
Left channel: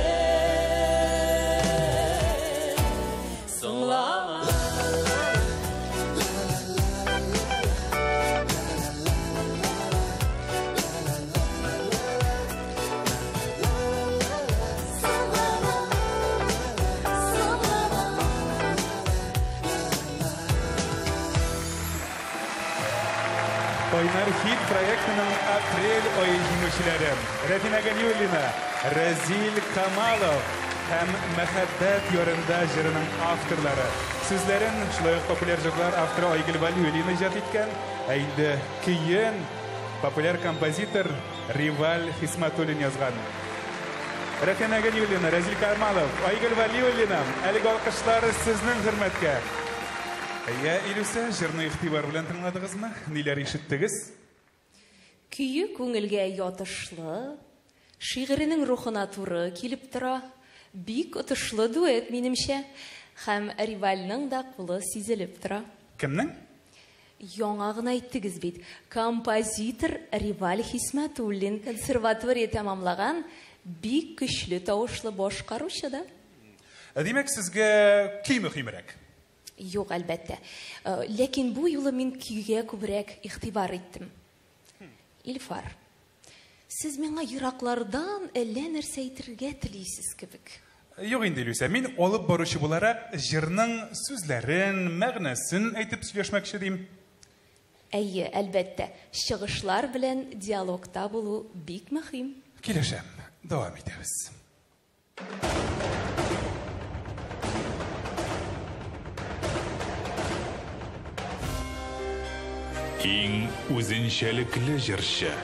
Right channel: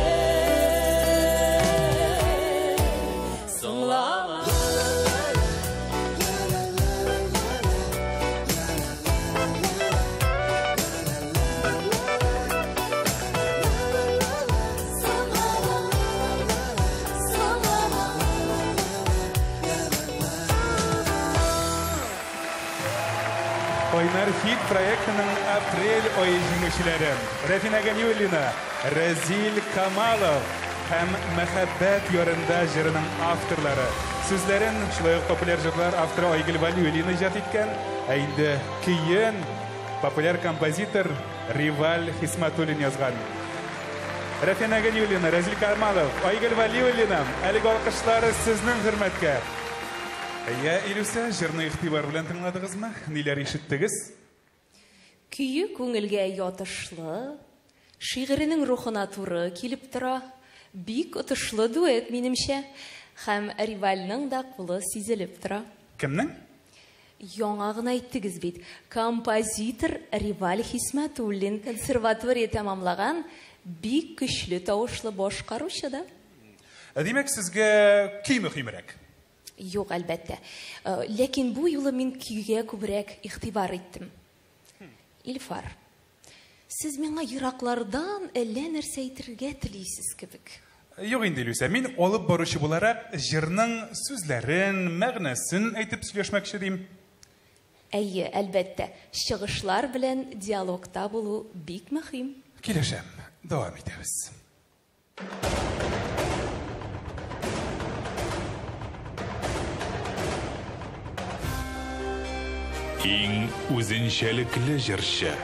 сыңлама. Кайнар хит проектының апрель айы җиңүчеләре Рәфина Галиуллина, Разил Камалов һәм Мәхәббәт ярында җырының авторлары. Сүзләрен шулай ук популяр җырлар авторы Айгөл Валиуллина иҗат иткән, ә инде көен популяр композитор Риваль Хисматуллин язган. Рәфина Галиуллина, Разил Камалов, Айгөл Валиуллина, әлеге алкышлары сезнең хөрмәткә. Я Илюса, җырны игътибар белән тыңладыгызмы? Ниләр ишеттегез? Көйі күңелгә ятышлы, шигыренең рухына туры килеп тора. Бик отышлы дуэт минемчә, һәм Ривальның да кулы сизелеп тора. Кемнең? Яңа гына әйттегез бит. Композитор Риваль Хисматуллин консерватория тәмамлаган бик көчле тавышлы башкаручы да. Димәк, сезгә көй мөһимрәк. Юк, әлбәттә. Ләкин бу юлы мин көйгә күбрәк игътибар иттем. Илфар, сіз меңа йыраклардан әллә нәрсә әйтергә телисез кебек. Юк инде, Илюся, мин алып баручы буларак җырның сүзләрен, мәгънәсен әйтеп сөйләшмәкче дим. Әйе, әлбәттә, чыгышлар белән диалогта булу бик мөһим. Килешәм, дәвам итәбез. Иң үзенчәлекле җырчы.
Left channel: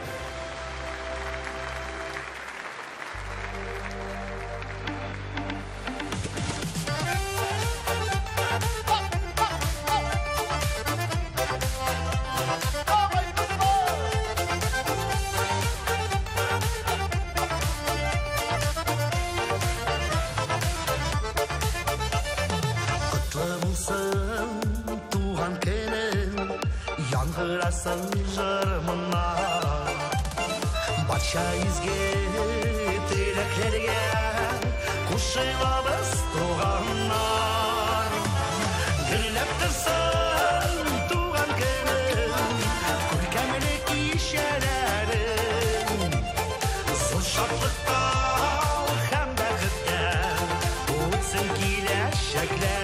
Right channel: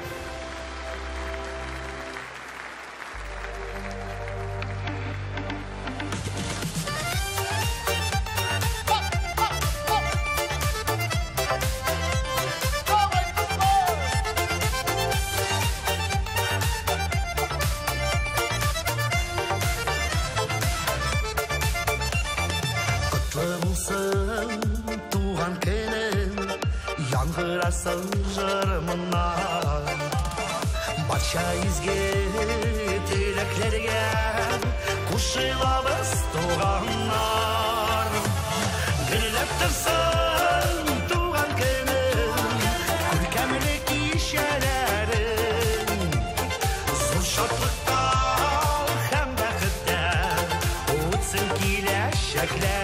Туған кенен, яңғырасың жырымына. Батша изге тілектерге, қушығабыз туғаннар. Гүлләп тұрсын туған кенен, күркәмле кишәләрен. Зыл шатлықта һәм бәхеттә, өтсін киләчәкләр.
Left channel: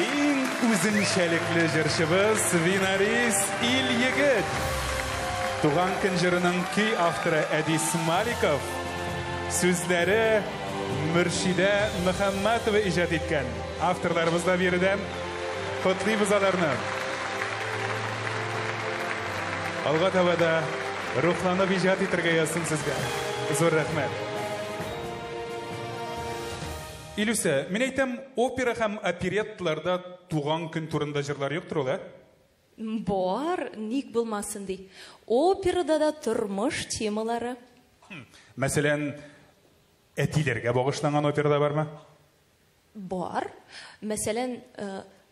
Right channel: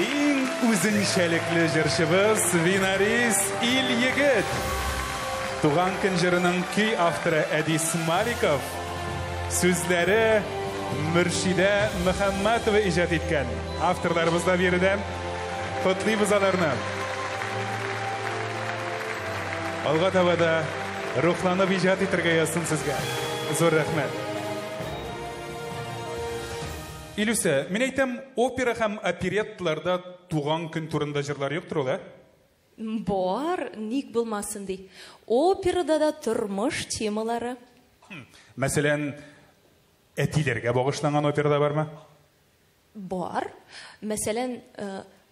Иң үзенчәлекле җырчыбыз Винарис Ил-Егет. Туган көн җырының көй авторы Әдис Маликов. Сүзләре Мөршидә Мөхәммәтова иҗат иткән. Авторларыбыз да биредән котлыйбыз аларны. Алга таба да рухланып иҗат итәргә язсын сезгә. Зур рәхмәт. Илюся, мен әйтәм, опера һәм оперетталарда туган көн турында җырлар юктыр ул, Бар, ник булмасын ди. Операда да тормыш темалары. Мәсәлән, әтиләргә багышланган операда бармы? Бар. Мәсәлән,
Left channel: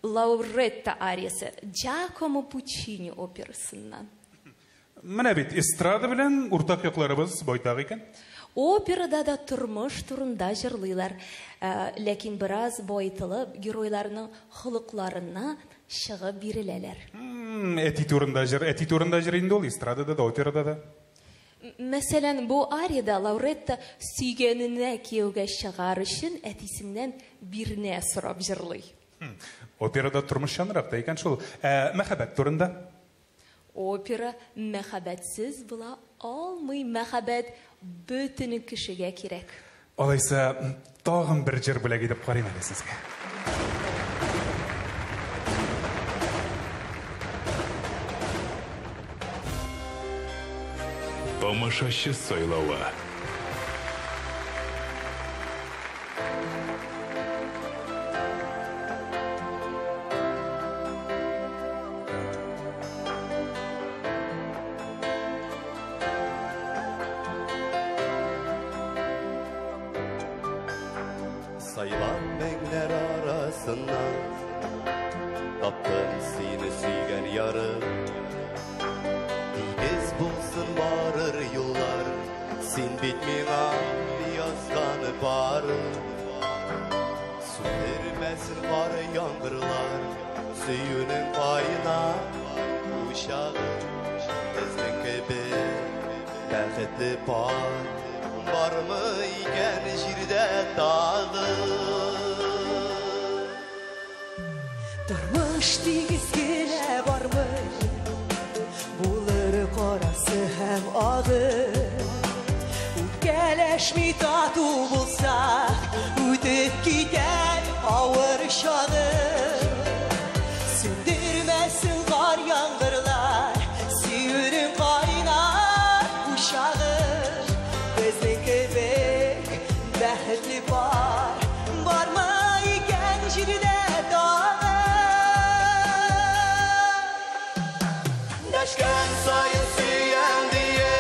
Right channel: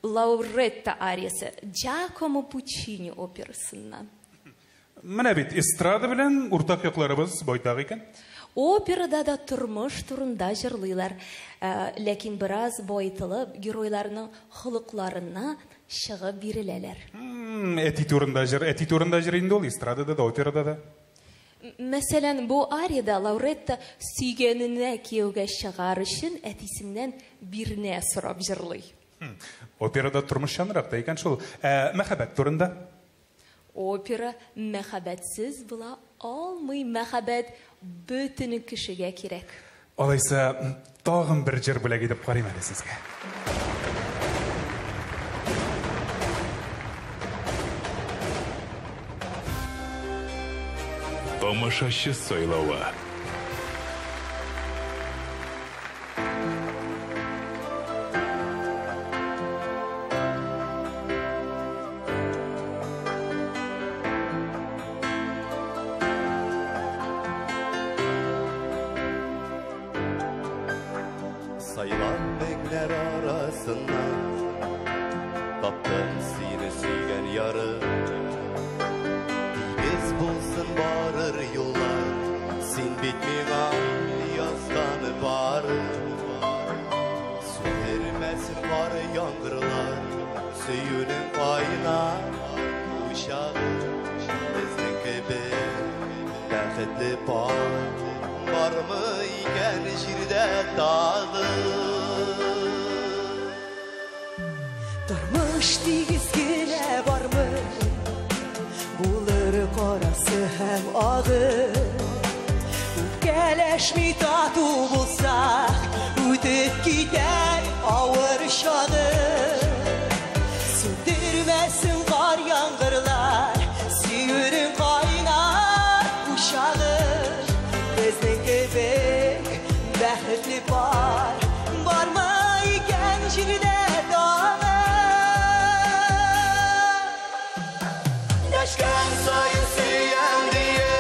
Лауретта ариясы Джакомо Пуччини операсыннан. Менә бит эстрада белән уртак якларыбыз байтак икән. Операда да тормыш турында җырлыйлар, ләкин бераз байтылып, геройларның холыкларына чыгып биреләләр. Әти турында җыр инде ул эстрадада да, операда да. Мәсәлән, бу арияда Лауретта сөйгәненә кияүгә чыгар өчен әтисеннән бирнә сорап җырлый. Операда тормыш жанракта икән шул. Мәхәббәт турында? Опера мәхәббәтсез була алмый, мәхәббәт бөтен кешегә кирәк. Алайса, тагын бер җыр бүләк итеп карыйм әле сезгә. Тамашачы сайлауы. Saylan mengler arasından Taptım seni süygen yarı Digiz bulsun barır yollar Sen bitmeyen yazganı barı Su vermesin var yangırlar Suyunun payına uşağı Bizden gibi bəxtli par Var mı iken şirde dağı Durmuş dizgine var mı? Bulur karası hem ağı Geleşmi tatu bulsak Üdüp gider ağır şağı Sündürmesin kar yangırlar Suyunun kaynar uşağı Bizden kebek bəxtli var Var mı iken şirde Deşken soyu süyen diye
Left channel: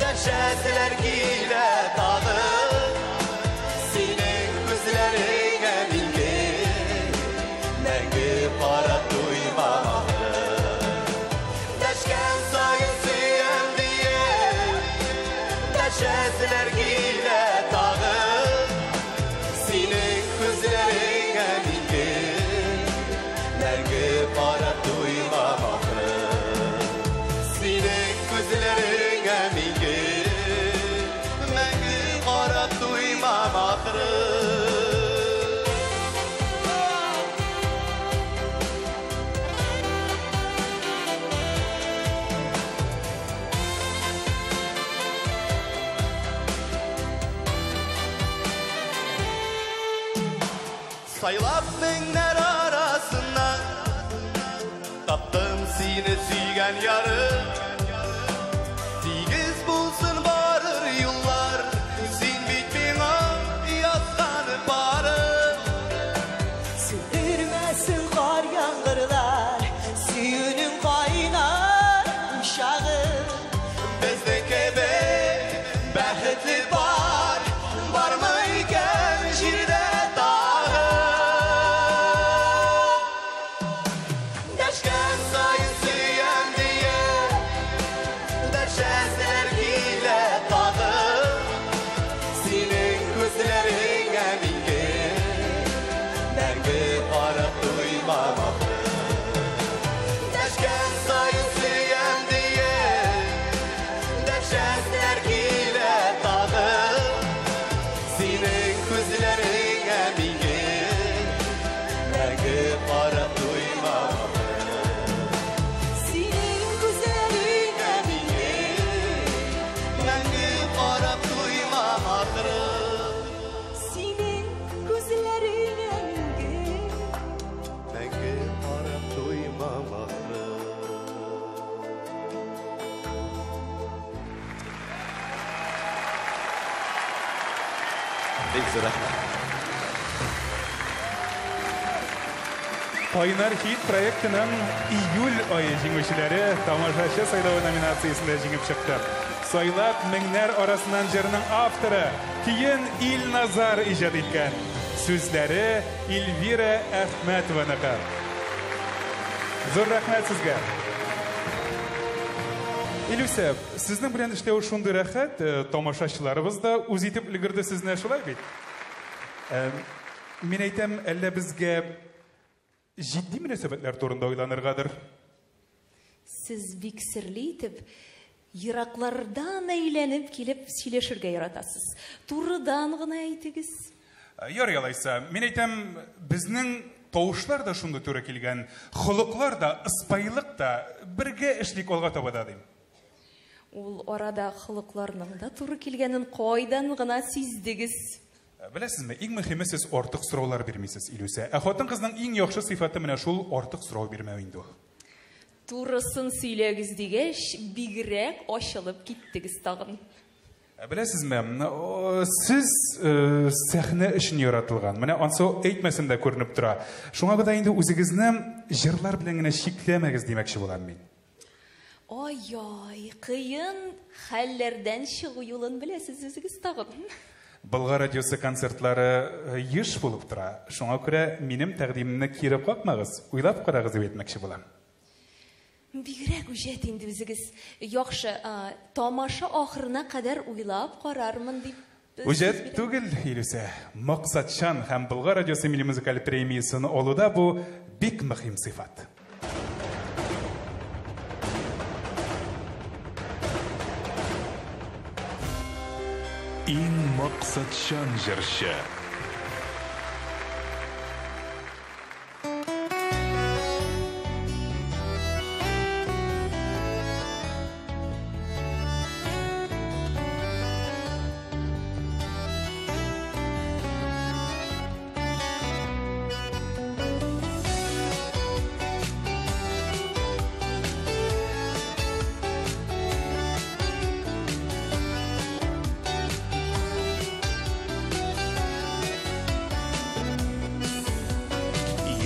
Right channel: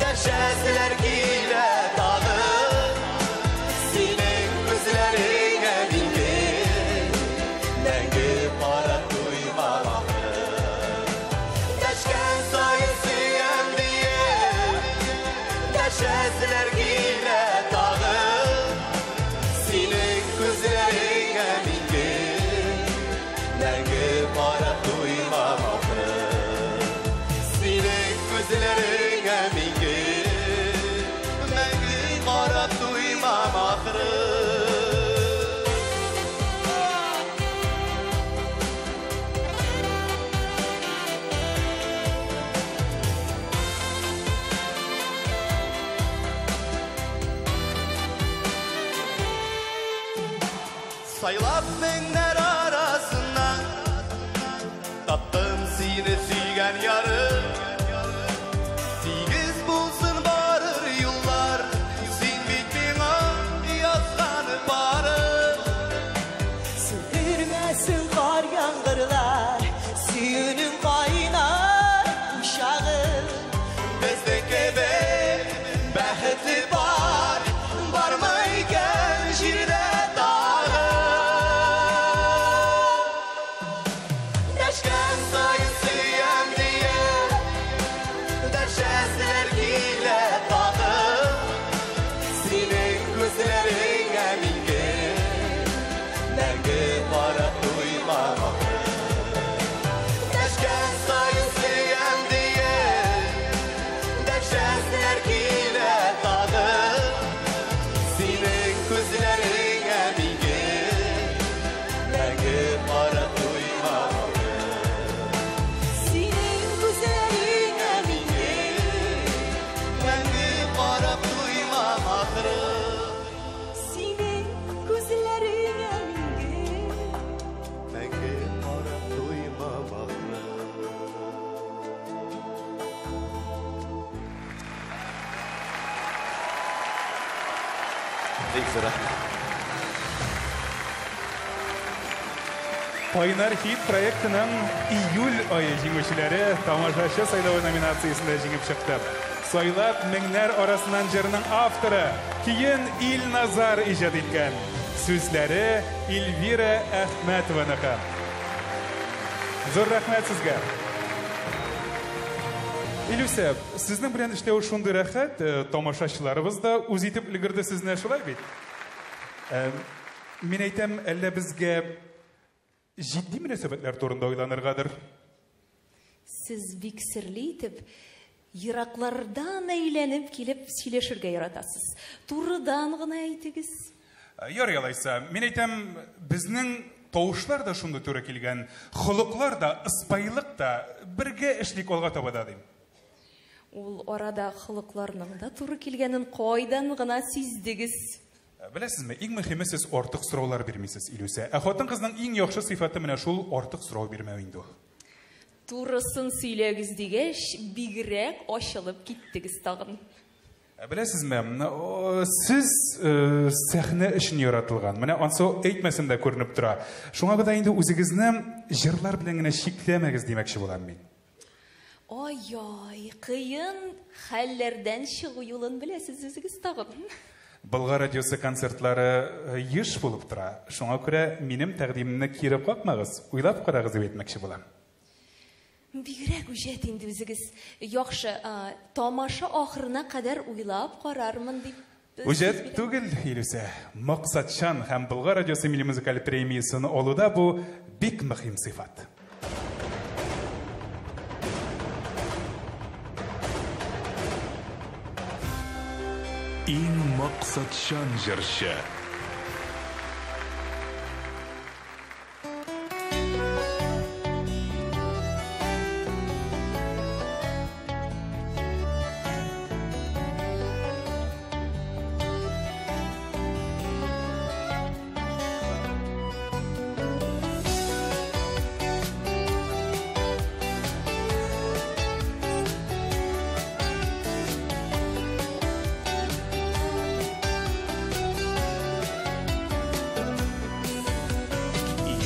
Deşesiler gile dağı Senin gözlerine bilgi Nengi para duymamağı Deşken soyu süyen diye Deşesiler gile dağı Senin gözlerine bilgi Nengi para duymamağı Saylap benler arasından Taptım seni süygen yarı Digiz bulsun varır yıllar Sen bitmeyen yazganı barı Sündürmesin kar yangırlar Suyunun kaynar uşağı Bizde kebek bəxtli var Var mı iken şirde dağı Deşken soyu süyen diye Deşesler gile dağı Senin gözlerine bilgi Nengi para duymamağı Deşken soyu süyen diye Deşesler gile dağı Senin gözlerine bilgi Nengi para duymamağı Senin güzeline bilgi Nengi para duymamağı Senin gözlerine bilgi Nengi para duymamağı Kaynar Hit проектының июль айы җиңүчеләре тамашачы сайлауы номинациясендә җиңеп чыкты. Сайлап меңнәр арасыннан җырның авторы Киен Илназар иҗат иткән. Сүзләре Эльвира Әхмәтованыка. Зур рәхмәт сезгә. Илюся, сезнең белән эшләү шундый рәхәт, тамашачыларыбыз да үз итеп өлгерде сезне шулай бит. Мин әйтәм, әллә безгә җитди мөнәсәбәтләр турында уйланыргадыр. Сез бик серле итеп, ераклардан әйләнеп килеп сөйләшергә яратасыз. Турыдан гына әйтегез. Ярый алайса, мин әйтәм, безнең тавышлар да шундый туры килгән, холыклар да, испайлык да бергә эшлик алга таба да дим. Ул арада холыкларның да туры килгәнен кайдан гына сиздегез? Беләсезме, иң мөһиме сез артык сораулар бирмисез, Илюся. Хатын-кызның иң яхшы сыйфаты менә шул артык сорау бирмәү инде. Турысын сөйләгез дигәч, бигрәк ачылып киттегез тагын. Беләсезме, сез сәхнә өчен яратылган. Менә ансы әйтмәсәм дә күренеп тора. Шуңа да инде үзегезне җырлар белән генә чикләмәгез димәкче булам мин. Ай, кыен хәлләрдән чыгу юлын беләсез үзегез тагын. Болгар радиосы концертлары еш булып тора. Шуңа күрә минем тәкъдимемне кире какмагыз, уйлап карагыз дип әйтмәкче булам. Бигрәк үҗәт инде үзегез. Яхшы, тамаша ахырына кадәр уйлап карармын дип. Үҗәт түгел, Илюся. Максатчан һәм Болгар радиосы милли музыкаль премиясын алуда бу бик мөһим сыйфат. Иң максатчан җырчы.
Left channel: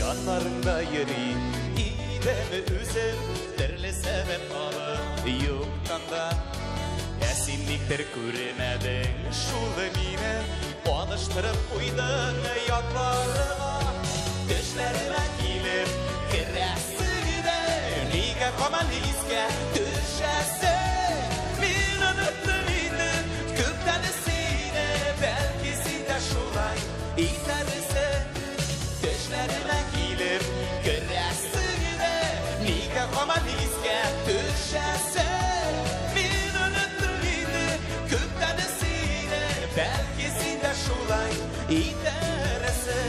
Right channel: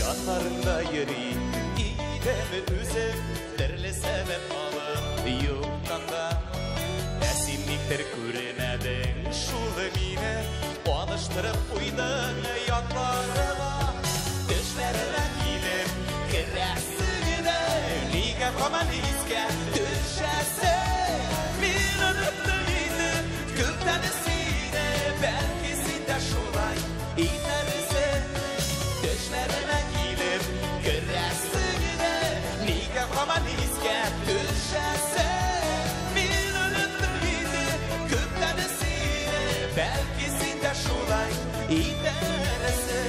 Yanlarında yeri İdemi üzüm Derli sebep alı Yurtanda Resimlikler küremedim Şulda mine Alıştırıp uydun Yatlarına Düşlerine gelir Kırasıda Liga komaniske Düşese Bir öptüğüydü Gültenesine Belki sinde şuray İdemize Düşlerine gelir Kırasıda Liga komaniske Düşese Bir öptüğüydü Gültenesine Belki sinde şuray İdemize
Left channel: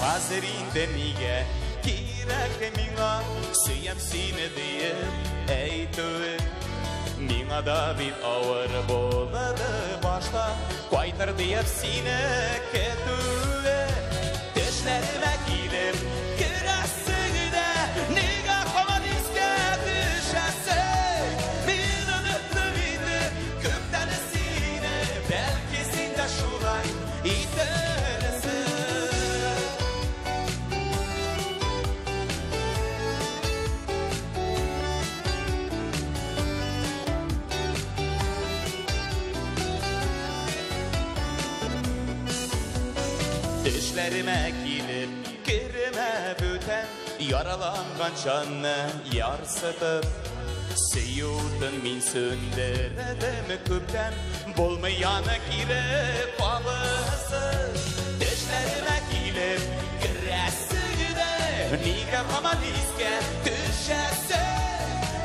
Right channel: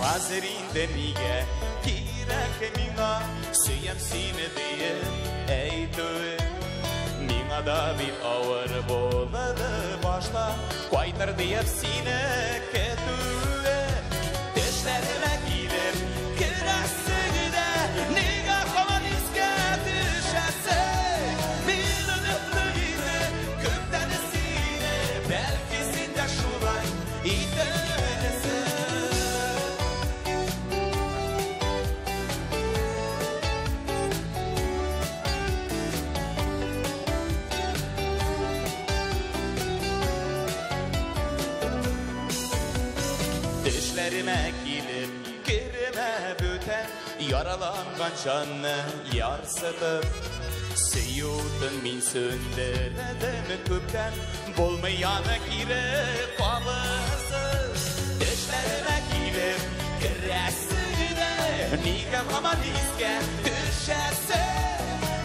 Hazırinde niye Kirek mina Süyem sine diye Eytü Mina da bir ağır boladı başta Kaytar diye sine ketüle Düşlerime gelir Kırasıda Niga komaniske düşese Bir öptüğüydü Gültenesine Belki sinde şuray İdemize Düşlerime gelir Kirime büten Yaralangan canını yarsıtıp Seyudun min sündüredim küpten Bulmayana girip alırsız Düşlerime gelir Kırasıda Niga komaniske düşese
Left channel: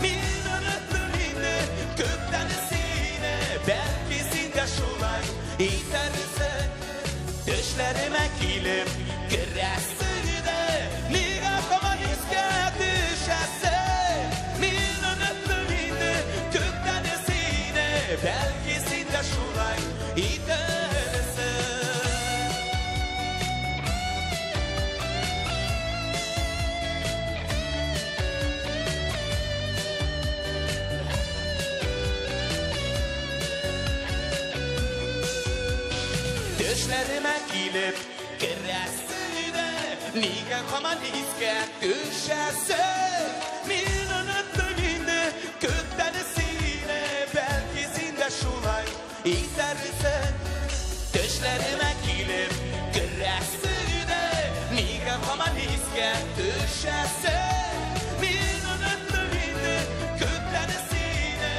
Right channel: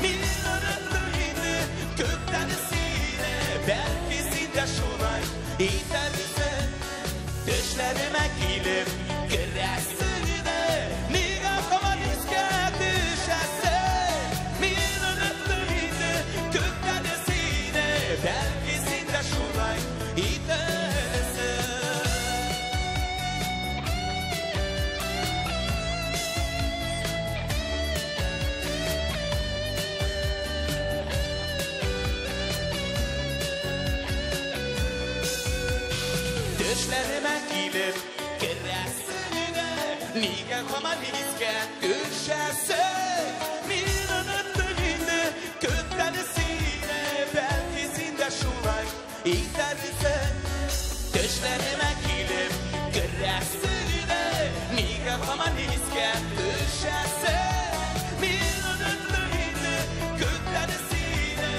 Bir öğretmenini Göktenesine Belki sinde şuray İdemize Düşlerime gelir Kırasıda Niga komaniske düşese Bir öğretmenini Göktenesine Belki sinde şuray İdemize Düşlerime gelir Kırasıda Niga komaniske düşese Bir öptüğünde Gültenesine Belki sinde şuray İdemize Düşlerime gelir Kırasıda Niga komaniske düşese Bir öptüğünde Gültenesine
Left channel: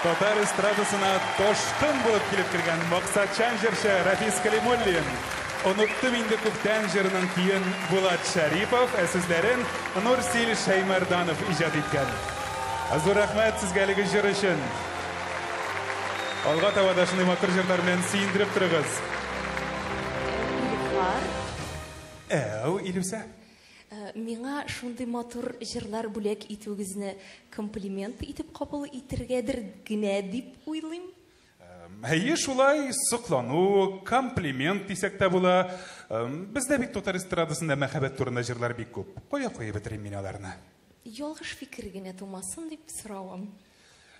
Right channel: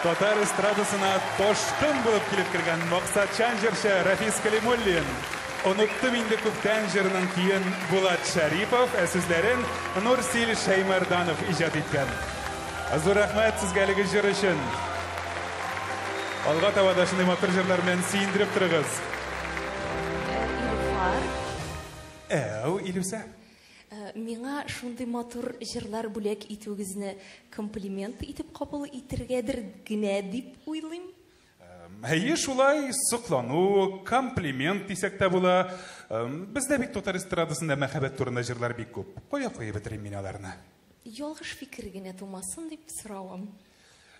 Татар эстрадасына тошкын булып килеп кергән Максатчан җырчы Рафис Калимуллин. Оныттым инде күптән җырынан кийин Булат Шарипов, сүзләрен Нурсил Шаймарданов иҗат иткән. Зур рәхмәт сезгә әлеге җыр өчен. Алга таба да шундый матур җырлар белән сөендереп торыгыз. Илүсә. Миңа шундый матур җырлар бүләк итүгезне комплимент итеп кабул итергәдер генә дип уйлыйм. Әйе, шулай соклану, комплимент дисәк тә була. Бездә бик татар эстрадасында мәхәббәт турында җырлар бик күп. Кая бетерим мин аларны? Ялгыш фикер генә тумасын дип соравым.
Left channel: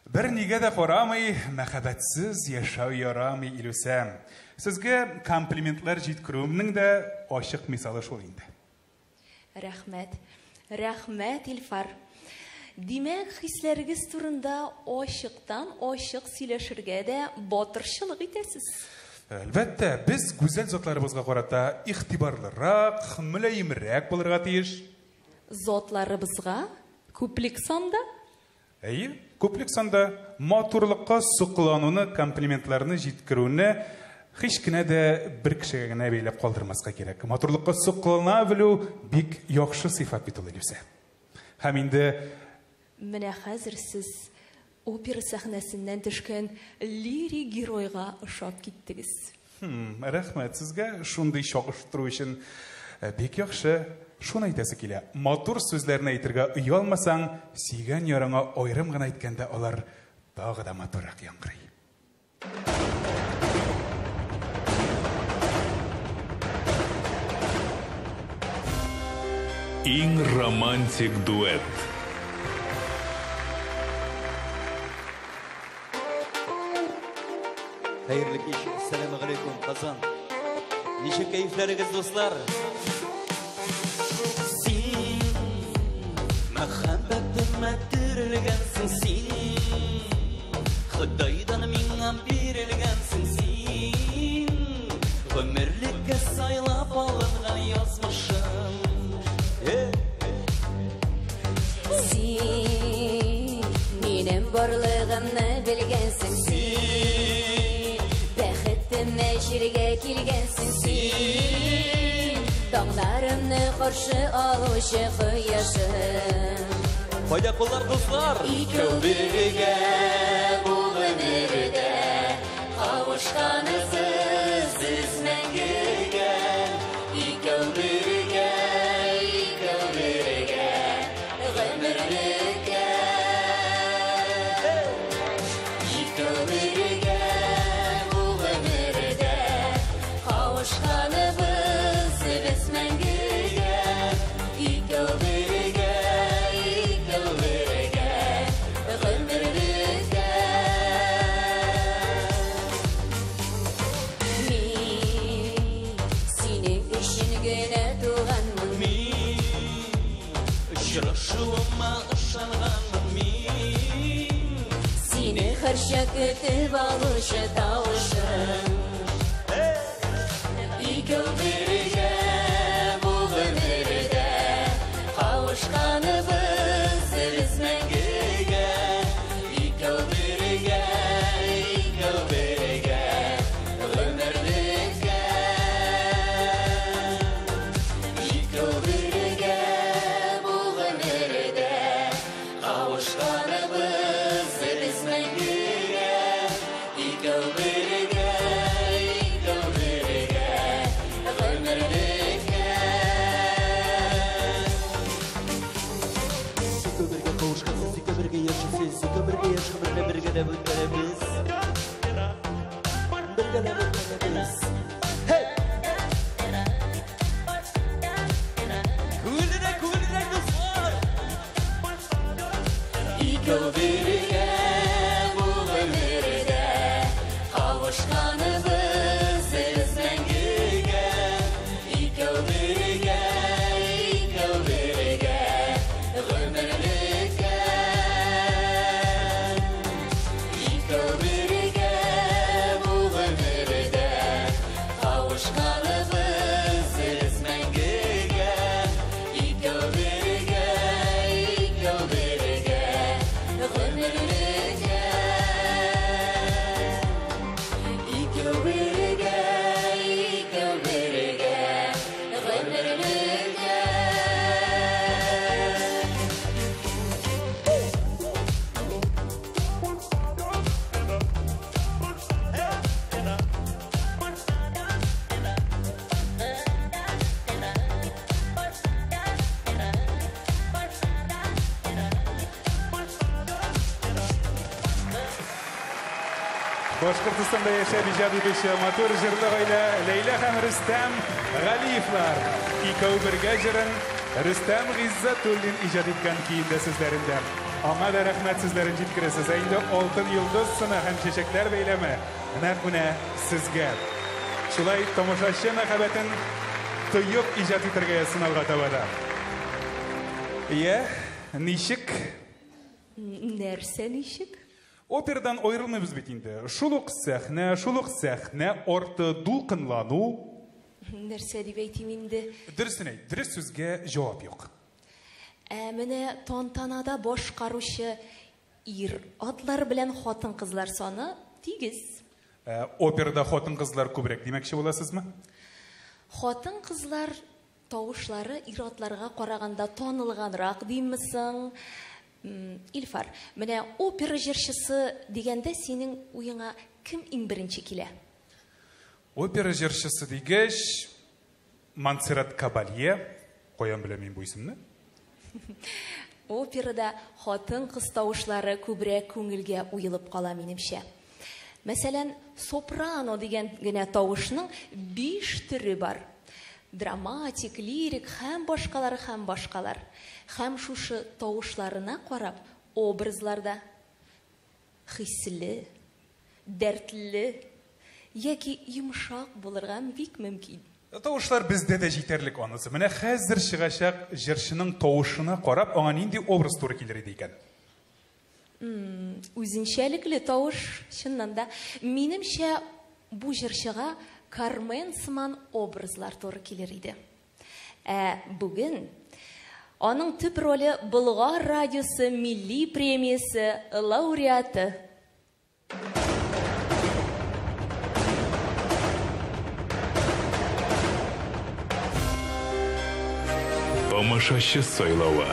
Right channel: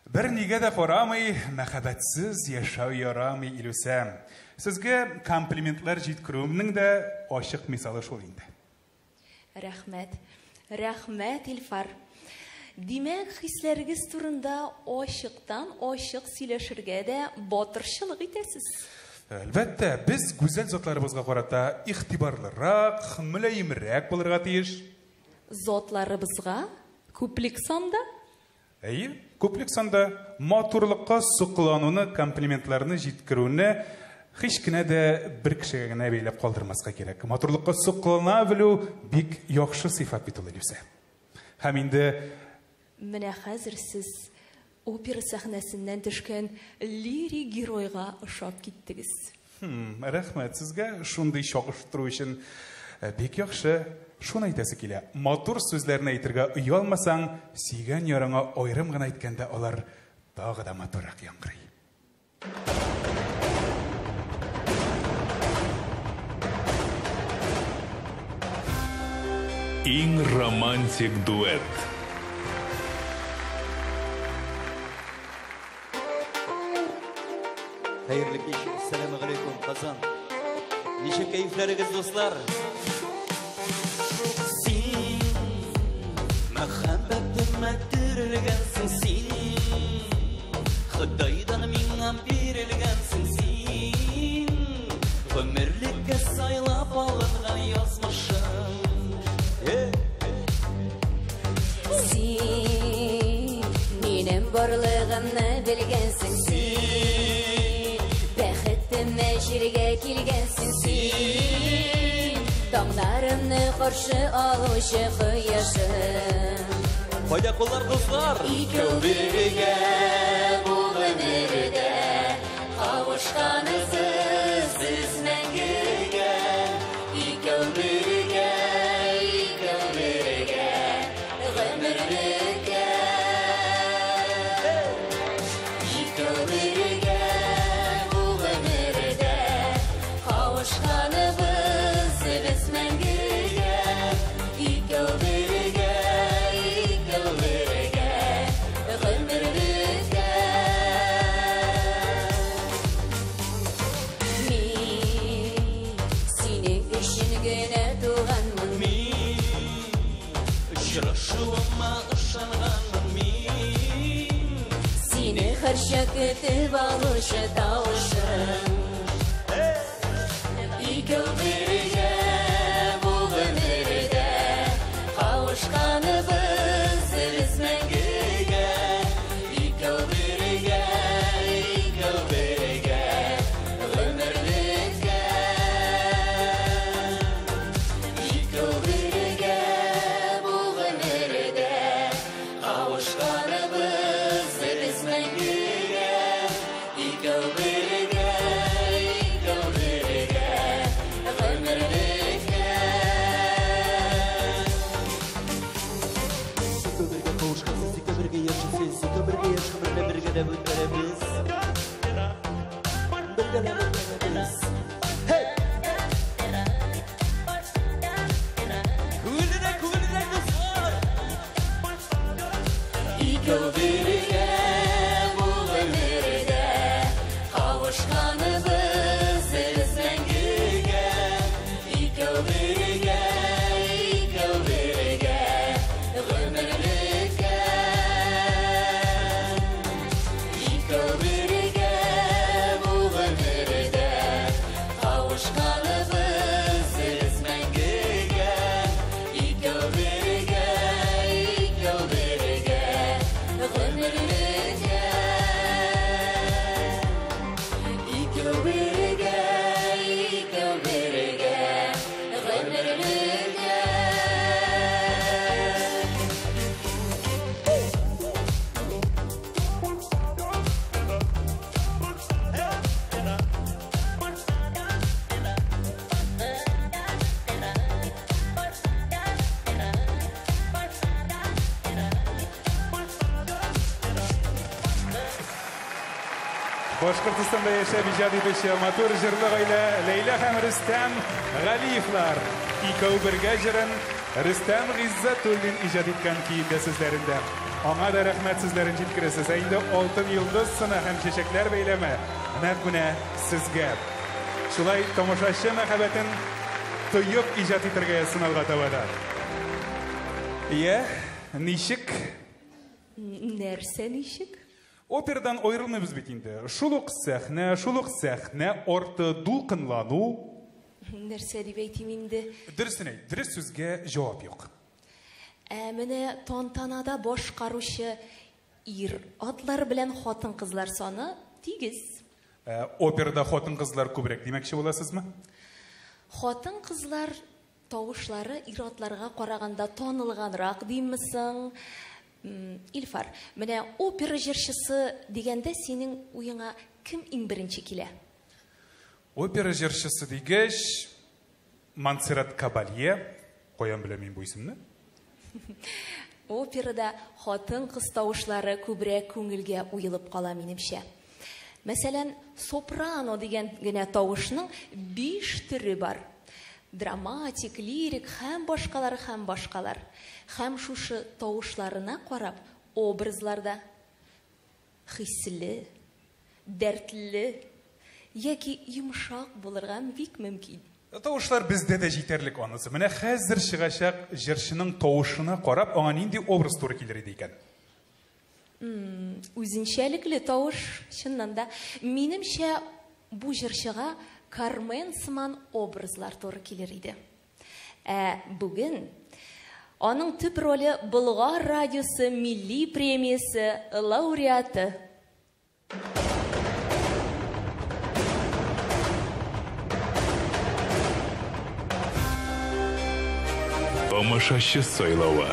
Бер нигә дә карамый, мәхәббәтсез яшәү ярамый, Илүсә. Сезгә комплиментлар җиткерүемнең дә ачык мисалы шул инде. Рәхмәт. Рәхмәт, Илфар. Димәк, хисләрегез турында ачык сөйләшергә дә батырчылык итәсез. Әлбәттә, без гүзәл затларыбызга карата игътибарлырак, мөлаемрәк булырга тиеш. Затларыбызга күплек санда? Әйе, күплек санда матурлыкка соклануны, комплиментларны җиткерүне hiç kine de bir kişiye gene beylep kaldırmaska gerek. Matурlukka soklana bilу bik yaxşı sifat bit ул Илүсә. Һәм инде менә хәзер сез опера сәхнәсеннән төшкән лирик геройга ошап киттегез. Рәхмәт сезгә шундый чагыштыру өчен бик яхшы. Шуны әйтәсе килә. Матур сүзләрне әйтергә уялмасаң, сөйгән ярыңа аерым гына әйткәндә алар тагы да матуррак яңгырый. Иң романтик дуэт. Hayırlı kış, selamun aleyküm Kazan. Nice keyifleriniz dostlar. Sen, muhabbetimə dirilgənsin sen. Xudaydan minə birilgənsin sen. Ömürlükə saylap alınğan yazmışım. Sen, benim borluğumnu bilgənsin sen. Bəxtimə şirgə kilgənsin sen. Dağlarımны qarşı alışı xıyasın. Fayda kullar dostlar. İkəv birgə bu ömürdə qavuşqanısız biz məngəgə. İkəv birgə ömürlükə. İkəv birgə bu ömürdə qavuşqanımız biz məngəgə. İkəv birgə ömürlükə. Min senin üçün günə doğanmın. Şıraşıma ışananım min. Seni hər şəkətib alışı tavışım. İkəv birgə bu ömürdə qavuşqanımız biz məngəgə. İkəv birgə ömürlükə. İkəv birgə bu ömürdə qavuşqanımız biz məngəgə. İkəv birgə ömürlükə. Sikobirge kavuşkası, sikobirge yaşasın, sikobirge yaşamırga birge de bütlerebiz. Birge de bütlerebiz. Hey! Kulüne dostlar! İkəv birgə bu ömürdə qavuşqanımız Башкортостанда яшәп иҗат итүче матур җырлы гаилә Ләйлә һәм Рөстәм Галиевлар. Икәү бергә җырын Рөстәм Гыйззәтуллин иҗат иткән көендә сүзләрендә. Аңа да рәхмәт сүзләрен җиткерәсез. Инде алтын йолдыз сыны һәм чәчәкләр бәйләме нәкъ менә сезгә. Шулай тамашачы мәхәббәтен тоеп иҗат итәргә сыналга табада. Ничек? Нәрсә ничек? Операдан аерылмыйбыз бит инде. Шул ук сәхнә арты дулкынлану. Нәрсә дип әйтим инде? Дөресен әйт, дөрес сүзгә җавап юк. Менә тантанада башкаручы ир атлар белән хатын-кызлар саны тигез. Операда хатын-кызлар күбрәк димәкче буласызмы? Хатын-кызлар тавышлары ир-атларга караганда танылганрак диммисең? Илфар, менә опера җырчысы дигәндә синең уеңа кем иң беренче килә? Опера җырчысы дигәч, Монсеррат Кабалье, каян беләм мин бу исемне? Операда хатын-кыз тавышлары күбрәк күңелгә уелып кала минемчә. Мәсәлән, сопрано дигән генә тавышның 5 төре бар. Драматик, лирик һәм башкалар. Һәм шушы тавышларына карап, образларда хисле, дәртле яки йомшак булырга бик мөмкин. Тавышлар бездә дә җитәрлек анысы. Менә хәзер чыгачак җырчының тавышына карап, аңа нинди образ туры килер иде икән? Үзенчәлекле тавыш, чыннан да. Минемчә, бу җырчыга Кармен сыман образлар туры килер иде. Бүген аның төп роле Болгар радиосы милли премиясе лауреаты. Тамашачы сайлауы.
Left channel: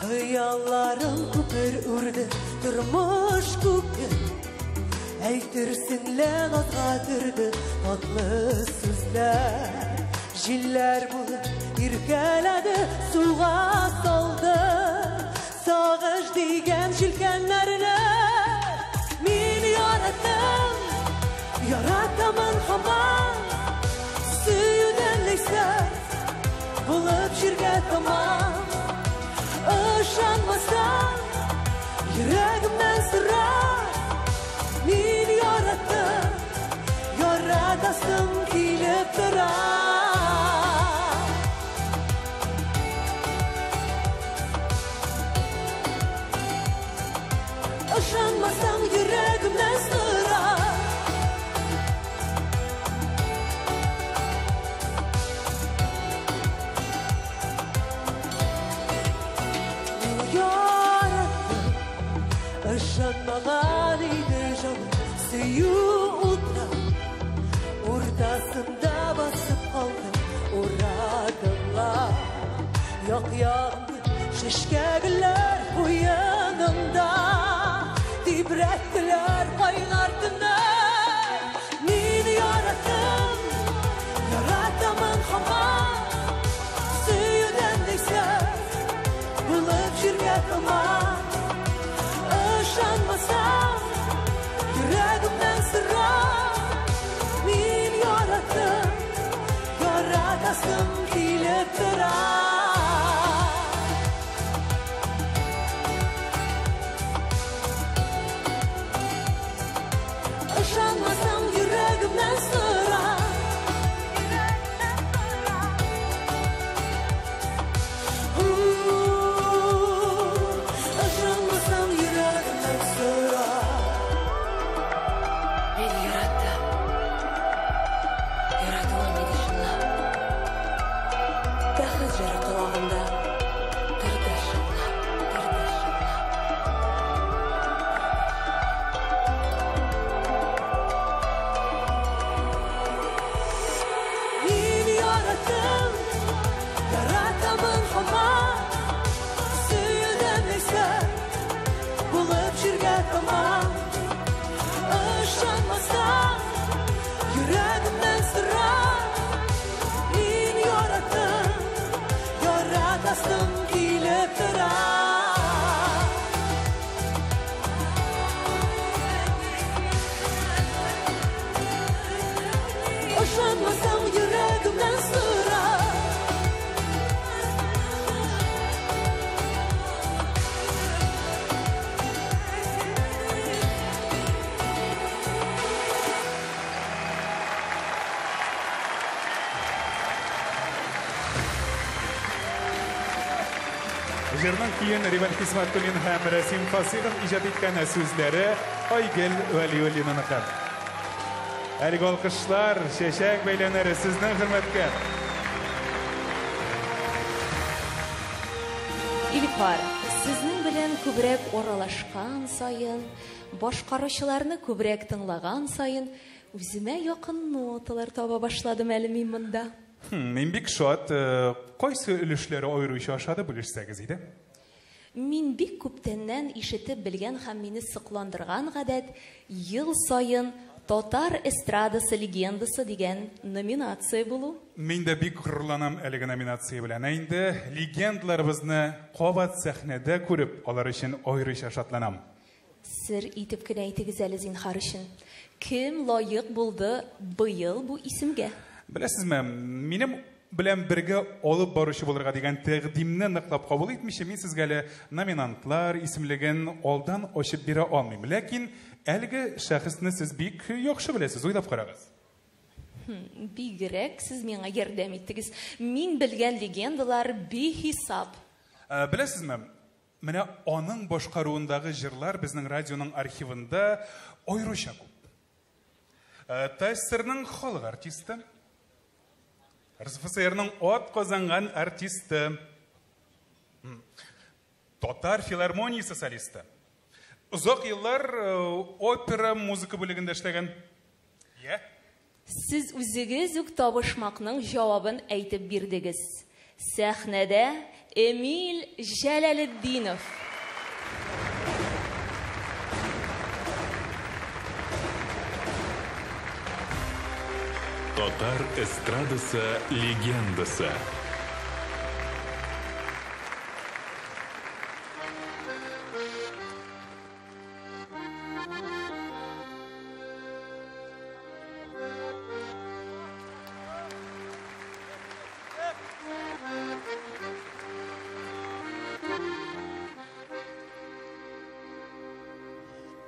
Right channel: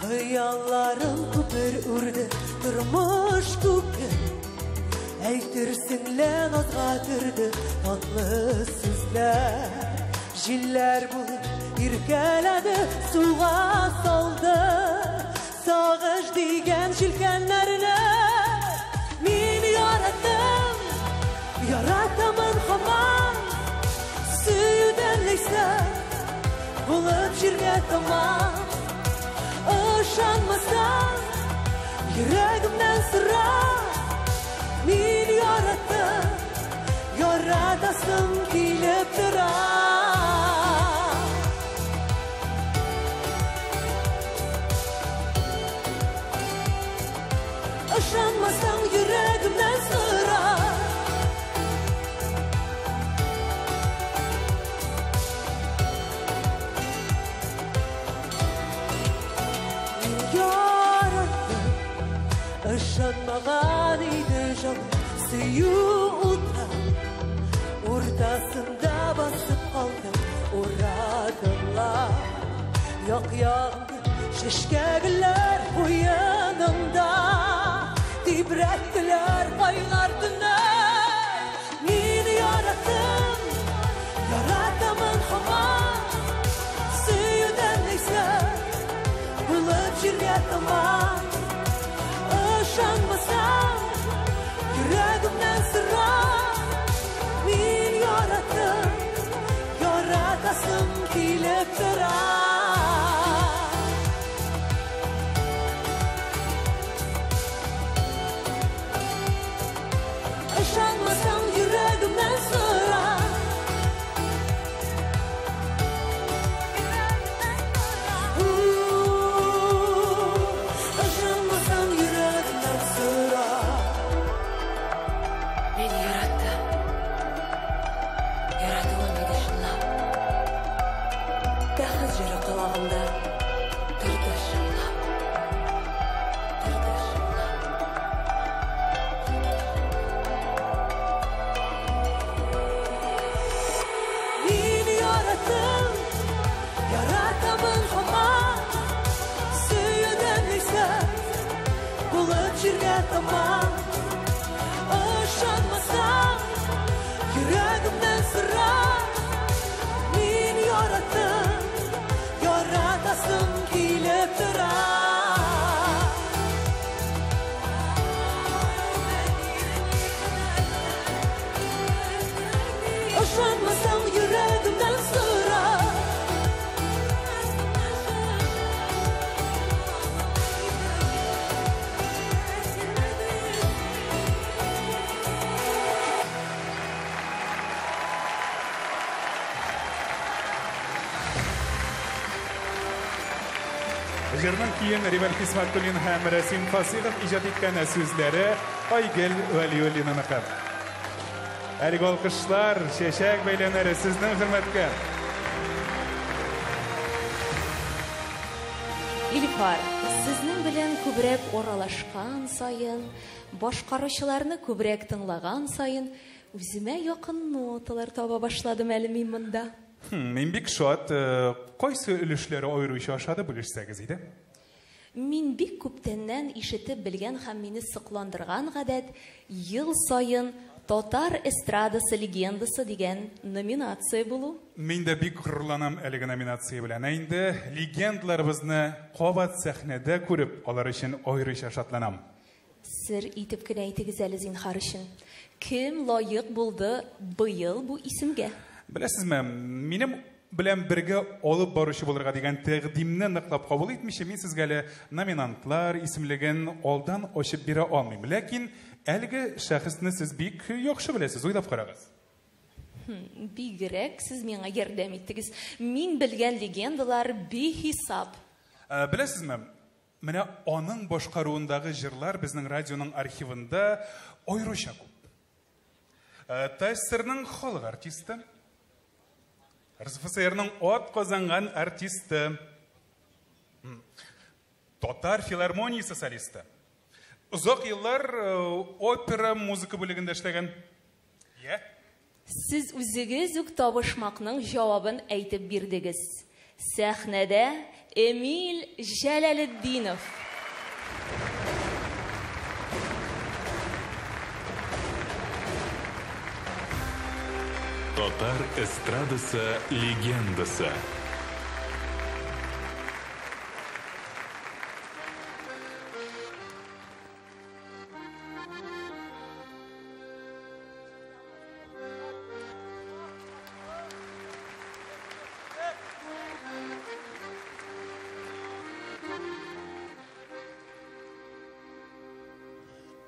Хыялларым күпер үрді, тормыш күпер. Әйтерсеңле назга кірді, татлы сүзләр. Җилләр булып иркәләде, суга салды. Сагыш дигән җилкәннәрне мин яраттым, яратамын һаман. Сөйдән исәп булып җиргә таман. Ышанмасаң, йөрәгемнән сыра, мин яраттым, яратасым килеп тора. Ышанмасаң, йөрәгемнән сыра. Ышанмаган иде җаным, Yüreğimden sıra min yarattım, yaratasım kilip tura. Işınmasın yüreğimden sıra. Üzerinden keyin Rival Kismatgül'ün hem Rasim Fasilov icad etken sözleri Aygel Valiyoğlu'nun akar. Ergi alkışlar, şeşek beylenleri sizden hürmetke. İlkar, sizning bilen kübrek oralaşkan sayın, boşqarışlarını kübrek tınlagan sayın, üzüme yakın notalar taba başladım elimin mında. Men bik şuat, qaysı ülüşleri ayrışı aşağıda bilişseniz idi? Min bik köптеннән ишетеп белгән һәм мине сыкландырган гадәт ел сайын Татар эстрадасы легендасы дигән номинация булу. Мен дә бик хурланам әлеге номинация белән. Инде легендларыбызны кабат сәхнәдә күреп, алар өчен аеруча шатланам. Сер итеп кенә әйтегез әле зинһар өчен. Кем лаек булды быел бу исемгә? Беләсезме, минем белән бергә алып баручы булырга дигән тәкъдимне ныклап кабул итмичә, мин сезгә әле номинантлар исемлеген алдан ачып бирә алмыйм. Ләкин әлеге шәхесне сез бик яхшы беләсез, уйлап карагыз. Бигрәк сез миңа ярдәм иттегез. Мин белгән легендалар бихисап. Беләсезме, менә аның башкаруындагы җырлар безнең радионың архивында аеруча күп. ТССРның халык артисты, РСФСРның ат казанган артисты, Татар филармониясе солисты. Узак еллар опера музыка бүлегендә эшләгән. Сез үзегез үк табышмакның җавабын әйтеп бирдегез. Сәхнәдә Эмиль Җәләлетдинов. Татар эстрадасы легендасы.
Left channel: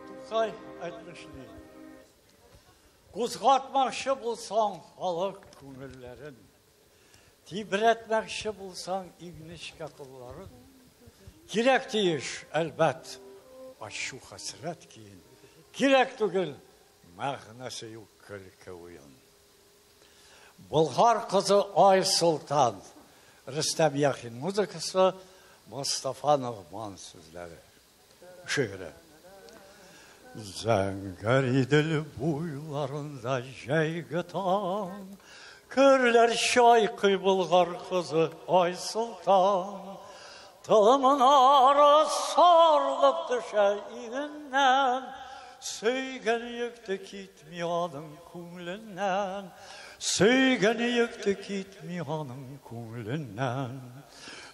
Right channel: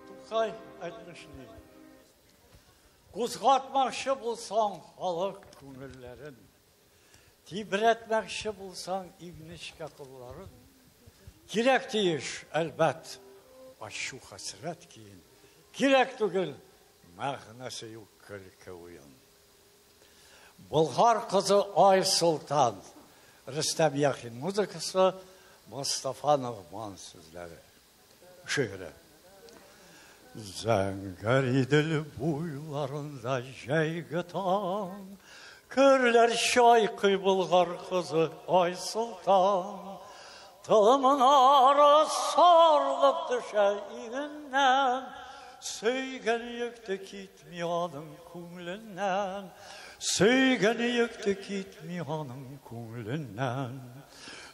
Тукай айтмышны. Кузгатмакчы булсаң халык күңелләрен, тибрәтмәкче булсаң игнечкә кулларын, кирәк тиеш, әлбәт, ачу хәсрәт киен. Кирәк түгел, мәгънәсе юк көлке уен. Болгар кызы Айсултан, Рөстәм Яхин музыкасы, Мустафа Ногман сүзләре. Шигъре. Зәңгәр идел буйларында җәйге таң, көрләр чайкый Болгар кызы Айсултан. Тылымын ары сарылып төшә игеннән, сөйгән йөкте китми аның күңленнән, сөйгән йөкте китми аның күңленнән.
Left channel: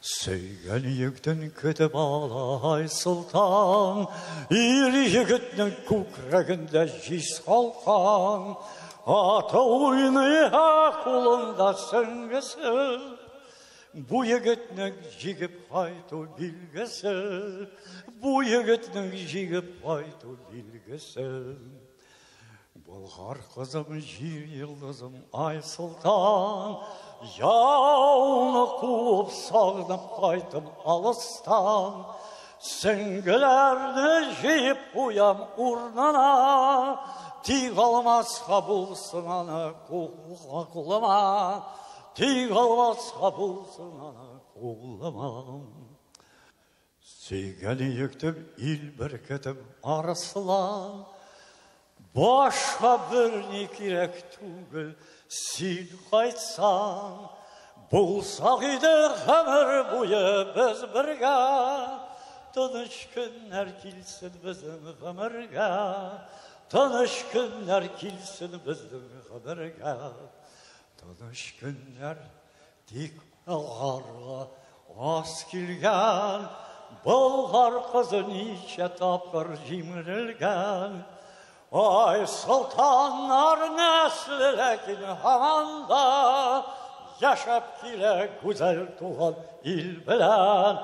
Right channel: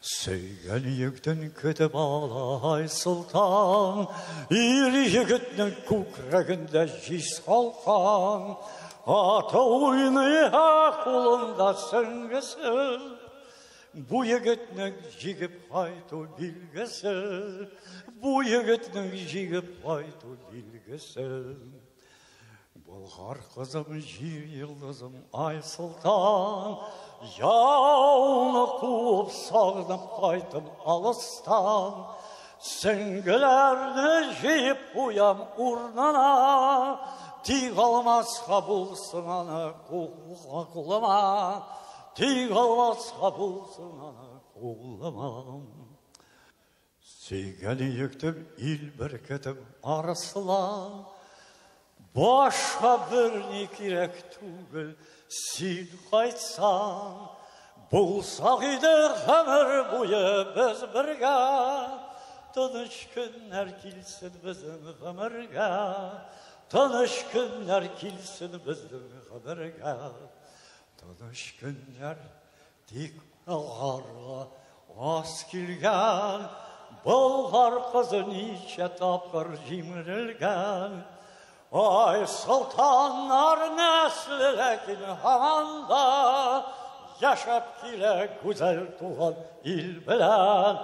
Сөйгән йөктен көтеп ала Айсултан, ир егетнең күкрәгендә җис калкан, аты уйный кулында сөңгесе. Бу егетнең җигеп кайту билгесе, бу егетнең җигеп кайту билгесе. Болгар кызым, җир йолдызым Айсултан, яуны куып сагынып кайтым алыстан, сөңгеләрне җыеп куям урнына, тик алмаска булсын аны кулыма, тик алмаска булсын аны кулыма. Сөйгән йөктем ил беркетем арасылан, башка берни кирәк түгел, син кайтсаң. Булсак иде гомер буе без бергә, тыныч көннәр килсен безнең гомергә, Tanış günler kilsin bizden haberge. Tanış günler dik ağarga az kilgen. Bulgar kızı nice tapır cimrilgen. Ay sultanlar neslilekin hamanda. Yaşap kile güzel tuğan il bilen.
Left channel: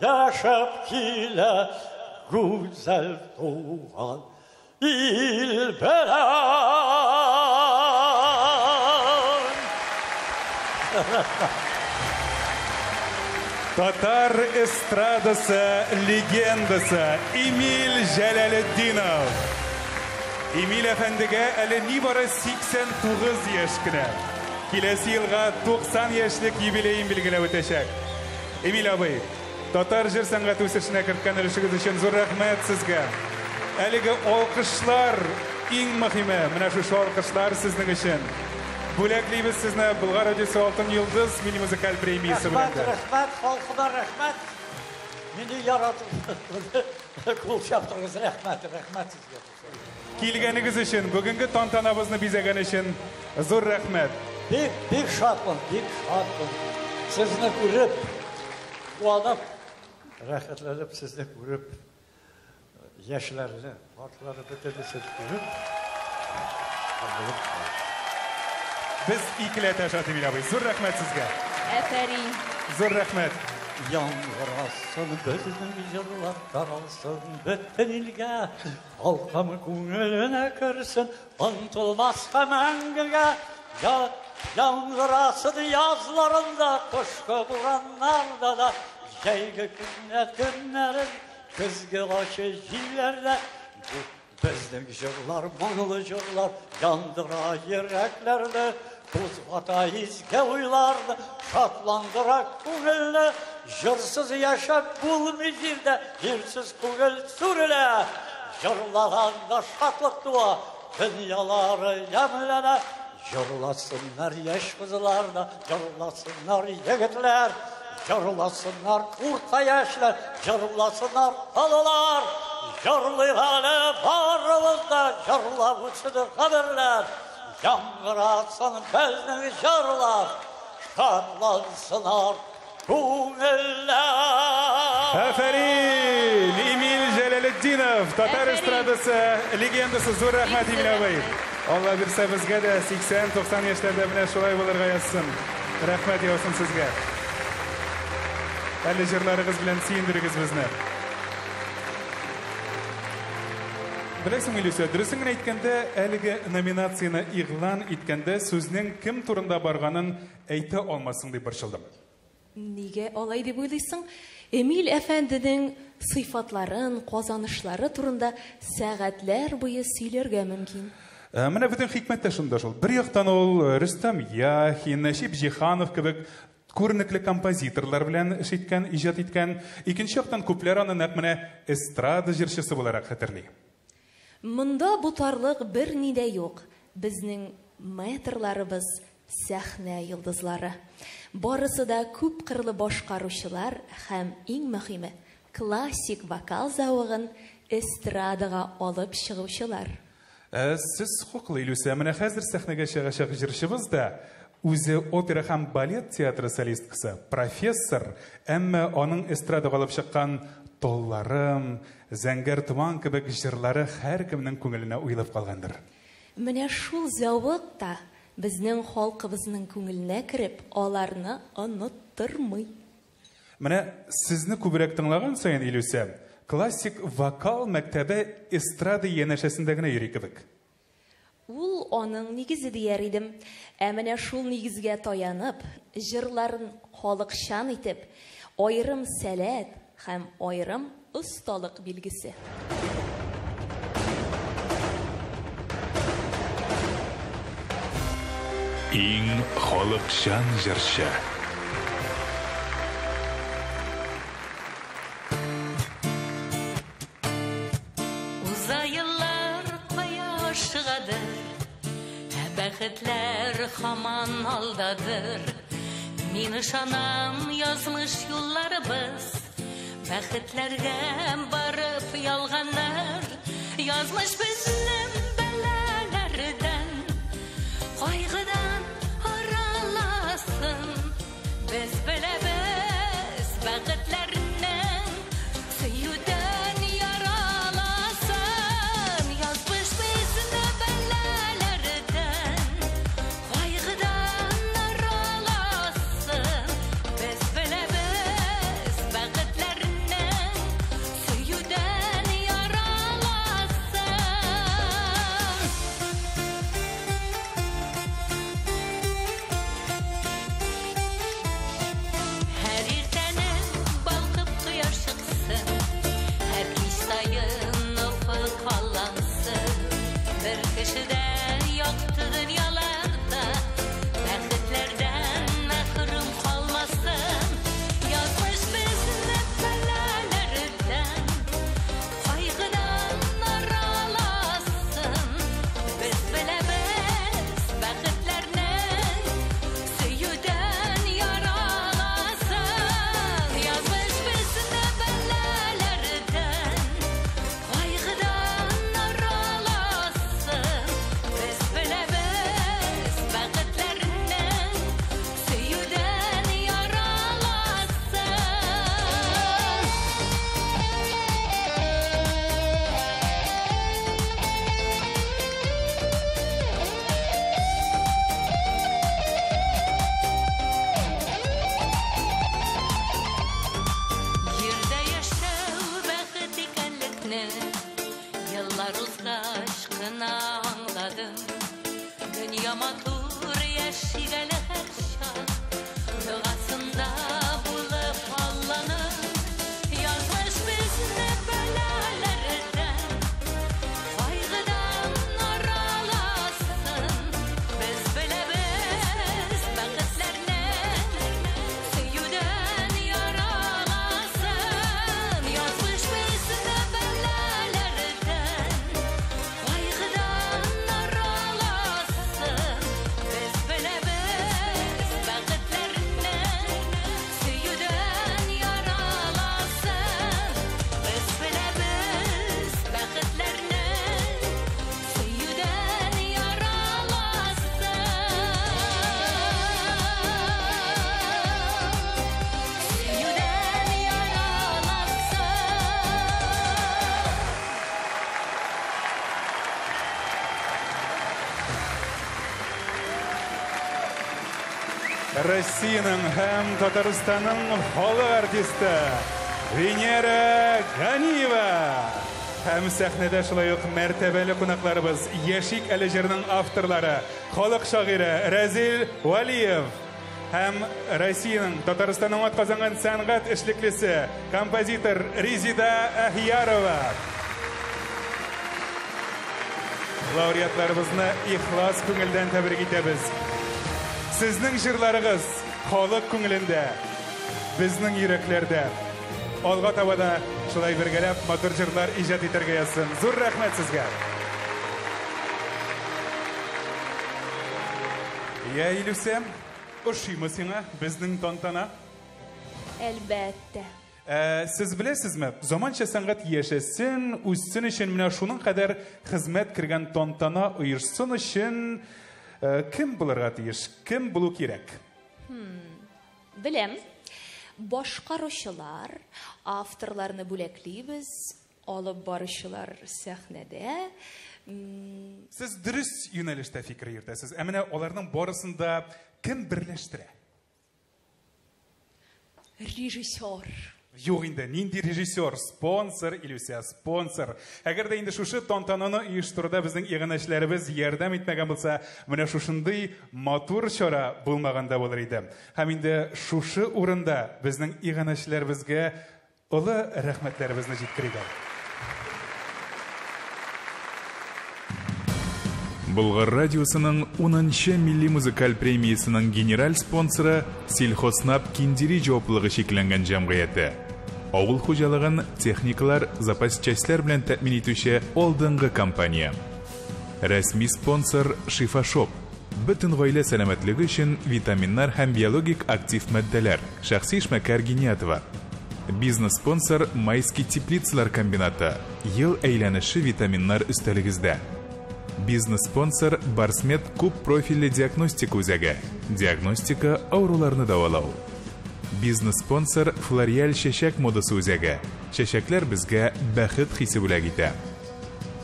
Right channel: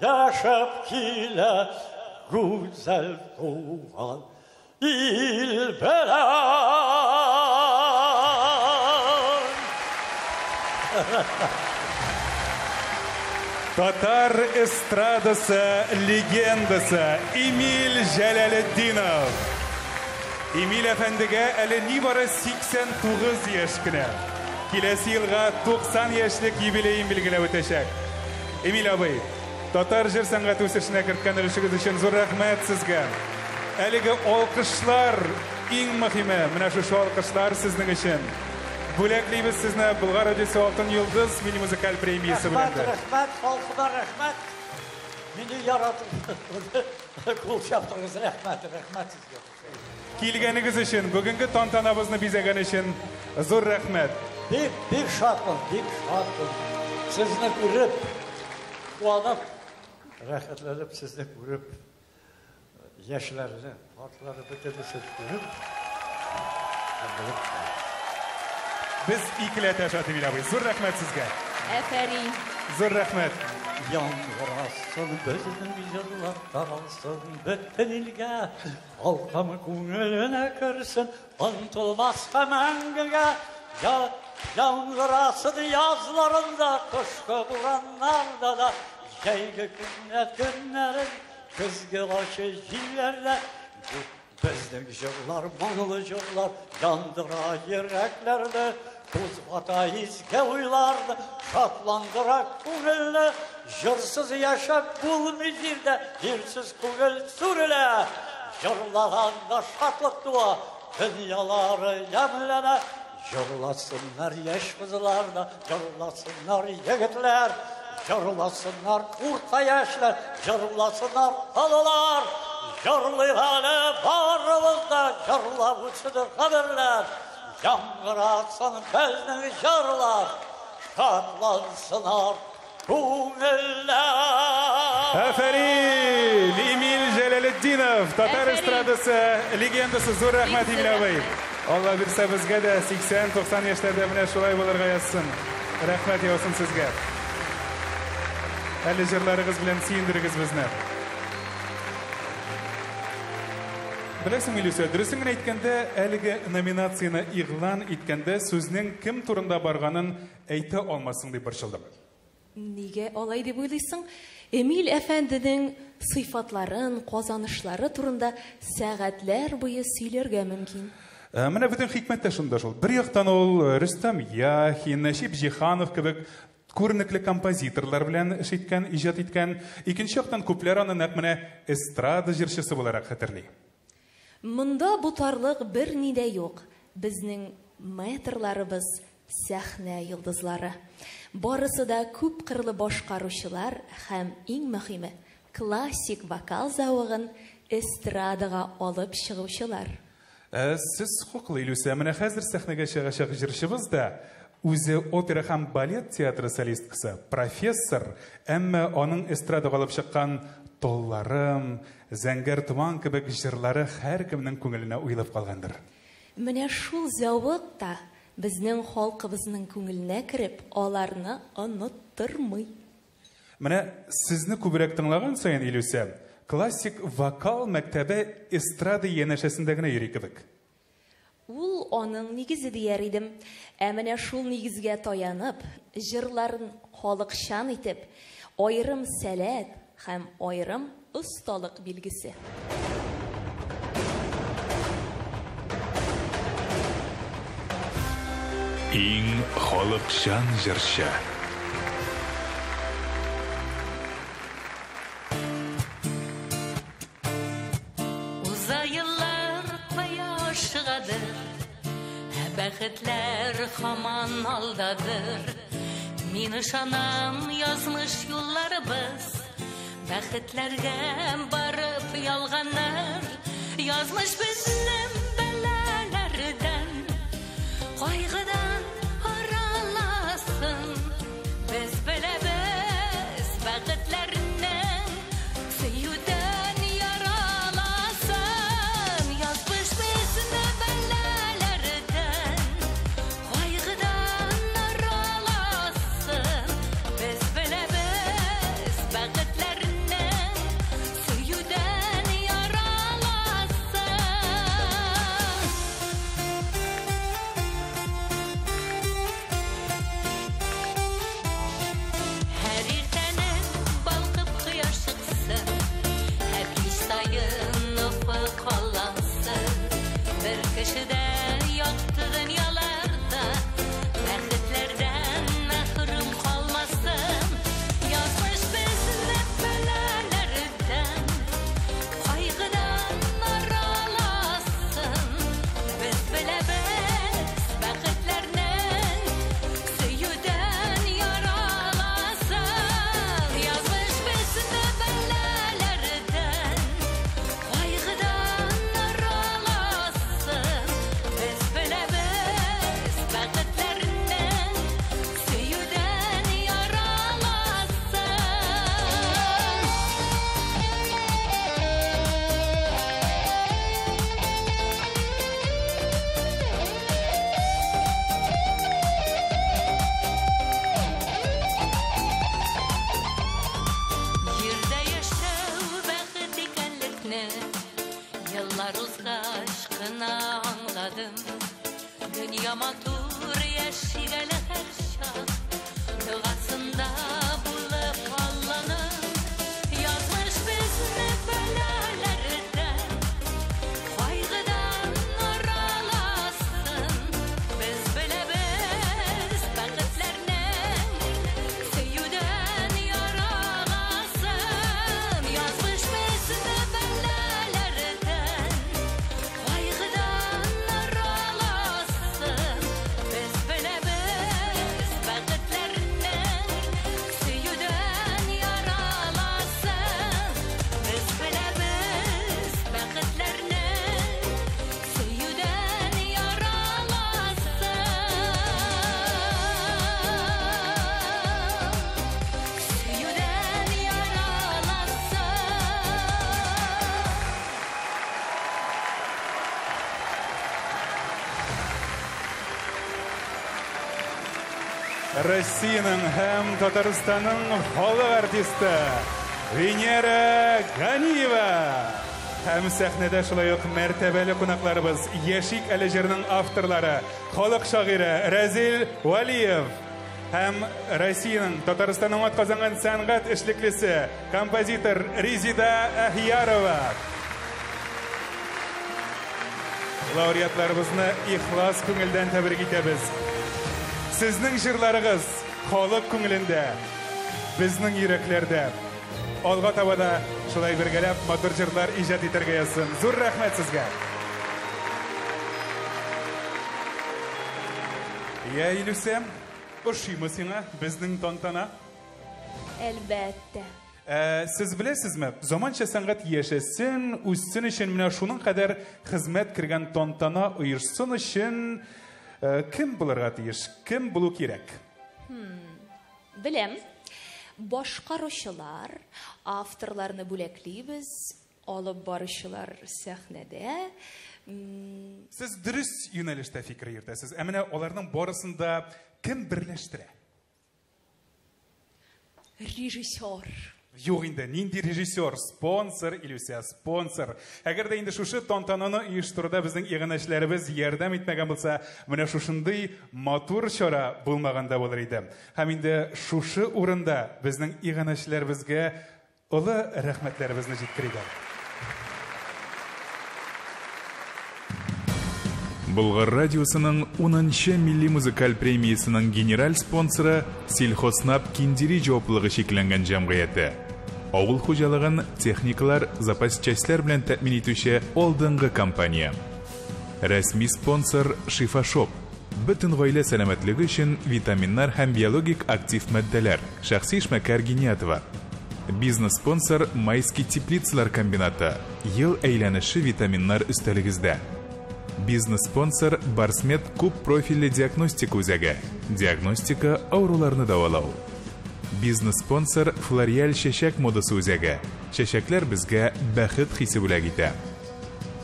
Yaşap kile güzel tuğan il bilen. Tatar estradası legendası Emil Jalaliddinov. Emil efendiga ali nibara 89 yaşkina. Kelesi yılga 90 yaşlık yubileyin bilgilab o'tashak. Emil abi, Tatar jir san'ati o'sishine kiritgan ulushingiz uchun zo'r rahmat sizga. Haligi olqishlar eng muhimi, mana shu olqishlar sizning uchun. Bo'laklaymiz sizni Bulg'ar radiosi Oltin yulduz milliy muzikal premiyasi bilan. Rahmat, xalqqa rahmat. Meni yaratib qo'l chaptirgansiz, rahmat sizga. Kelganingiz uchun, bugungi tantanamizni bezagan uchun zo'r rahmat. Bek şadman. Sizni ko'rib, quvonib, rahmatlanib sizni ko'rib, yoshlarini, ortlarini ko'tarib ko'rib. Biz ikkilar tashatib bilamiz. Zo'r rahmat sizga. Aferin. Zo'r rahmat. Yağmurasın bizim yıllar karalsın bütün ilge. Halkam ko'nglina kirsin, unutulmaz hemengiga. Yağmurasın yazlarında, kışkı buranlarda da. Yaylı günlerin, kızgı başı yerlerde. Bizden jırlar, manılı jırlar, yandıra yüreklerde. Buzvata izge uylardı, şatlandıra ko'ngilni. Jırsız yaşap bulmizirde, jirsiz ko'ngil sürüle. Jırlaganda şatlık dua, dünyaları yemlene. Jırlasınlar yaş kızlarda, jırlasınlar yigitler. Jırlasınlar orta yaşlar, jırlasınlar halılar. Jırlayğanı barımızda, jırlar uçudur haberler. Yangırasın bizning jırlar, şadlansınlar ko'ngillar. Aferin! Emil Jalaliddinov, Tatar estradasi legendasi. Zo'r rahmat Emil abi. Allah bersa bizga da 80-90 yoshlarda mana shulay bo'larga yazsin. Rahmat yo'sin sizga. Hali jırlarınız bilan siyindirgiz bizni. Bilasizmi Lusiya, durustini aytganda, haligi nominatsiyani e'lon etganda so'zning kim turida borganini ayta olmasam deb birshildim. Nega olay deb o'ylaysan? Emil efendining sifatlарын, qozonishları turunda saatlar bo'yi siylarga mumkin. Mana butun hikmat da shunda shul. Bir yoqdan ol Rustam Yaxin, Nashib Jixanov kabi ko'rnikli kompozitorlar bilan ish etgan, ijod etgan. Ikkinchi yoqdan ko'plar uni naq mana estrada jirshisi bo'laraq xatirlaydi. Munda bu tarlıq bir nida yo'q. Bizning metrlarimiz sahna yulduzlari. Borisi da ko'p qirli boshqaruvchilar ham eng muhimi klassik vokal zavog'in estradaga olib chiquvchilar. Siz huquqli Lusiya, mana hozir sahnaga chiqishib jirishimizda o'zi opera ham balet teatri solistkasi, professor, ammo uning estradaga olib chiqqan Tollarim, Zangar tuman kabi jirlari har kimning ko'nglini o'ylab qolgandir. Mana shu zavqda bizning xalqimizning ko'nglina kirib, ularni unuttirmay. Mana sizni ko'proq tinglagan sayin Lusiya, klassik vokal maktabi estrada yanashasindagina yurikdik. Ул оның негізі deyər idim. Әміне шул негізге таянып, жырларын халықшан етіп, айрым сәләт һәм айрым ұсталық белгісі. Иң халықшан жыршы. Бәхетләр хаман алдадыр. Мин ышанам язмыш юлларыбыз. Бәхетләргә барып ялганнар. Язмыш безнең Yamatur yaşıgalı her şan Dağasında bulup Allah'ın Yazmış bizne belalardan Kaygıdan aralasın Biz bilemiz bakıtlarını Süyüden yaralasın Yazmış bizne belalardan Kaygıdan aralasın Biz bilemiz bakıtlarını Süyüden yaralasın Biz bilemiz bakıtlarını Süyüden yaralasın Süyüden Россиянın hem Татарстанның халық артисті Венера Ганиева. Hem sahnede şulay uq mərtəbəli qonaqlarımız Yeşik Әлежерінің авторлары халық шағиры Разил Валиев. Hem Россиянın Татарстанның атқазанған сәнғат эшлеклесе композитор Резида Ахиярова. Лауреатларыбызны ихлас күңелдән тәбрик итәбез. Sizning jırlarınız xalq көңелендә, bizning йөрәкләрдә. Алга таба да шулай бергәләп матур җырлар иҗат итәргә ясын. Зур рәхмәт сезгә. Я Илюсем, ошыймы сиңа безнең тантана? Әлбәттә. Siz bilesizmi? Zamança sanat yaşasın, üstün için менә шуның кадәр хезмәт кергән тантана оешсын өчен kim булырга тиеш? Kim булу кирәк? Беләм. Башкаручылар, авторларны бүләклибез, алып баручылар сәхнәдә. Siz dürüst юнәлештә фикер йөртәсез. Ә менә аларның барысында kim берләштерә? Режиссер. Юк инде, нинди режиссер, спонсор, Илюсия, спонсор. Әгәр дә инде шушы тантананы оештыруда безнең игенәчләребез ярдәм итмәгән булса, менә шушындый матур чара булмаганда булыр иде. Һәм инде шушы урында безнең игенәчләребезгә олы рәхмәтләребезне җиткерик. Болгар радиосының 10-нчы милли музыкаль премиясының генераль спонсоры Сельхознап Киндири җаваплылыгы шикләнгән җәмгыяте. Авыл хуҗалыгын техникалар, запас частьләр белән тәэмин итүче алдынгы компания. Рәсми спонсор Шифашоп. Бөтен гаилә сәламәтлеге өчен витаминнар һәм биологик актив матдәләр. Шәхси эшмәкәр Гениатова. Бизнес спонсор Майский теплицалар комбинаты. Ел әйләнеше витаминнар өстәлегездә. Бизнес-спонсор Барсмет күп профильле диагностика үзәге. Диагностика ауруларны давалау. Бизнес-спонсор Флориаль чәчәк модасы үзәге. Чәчәкләр безгә бәхет хисе бүләк итә.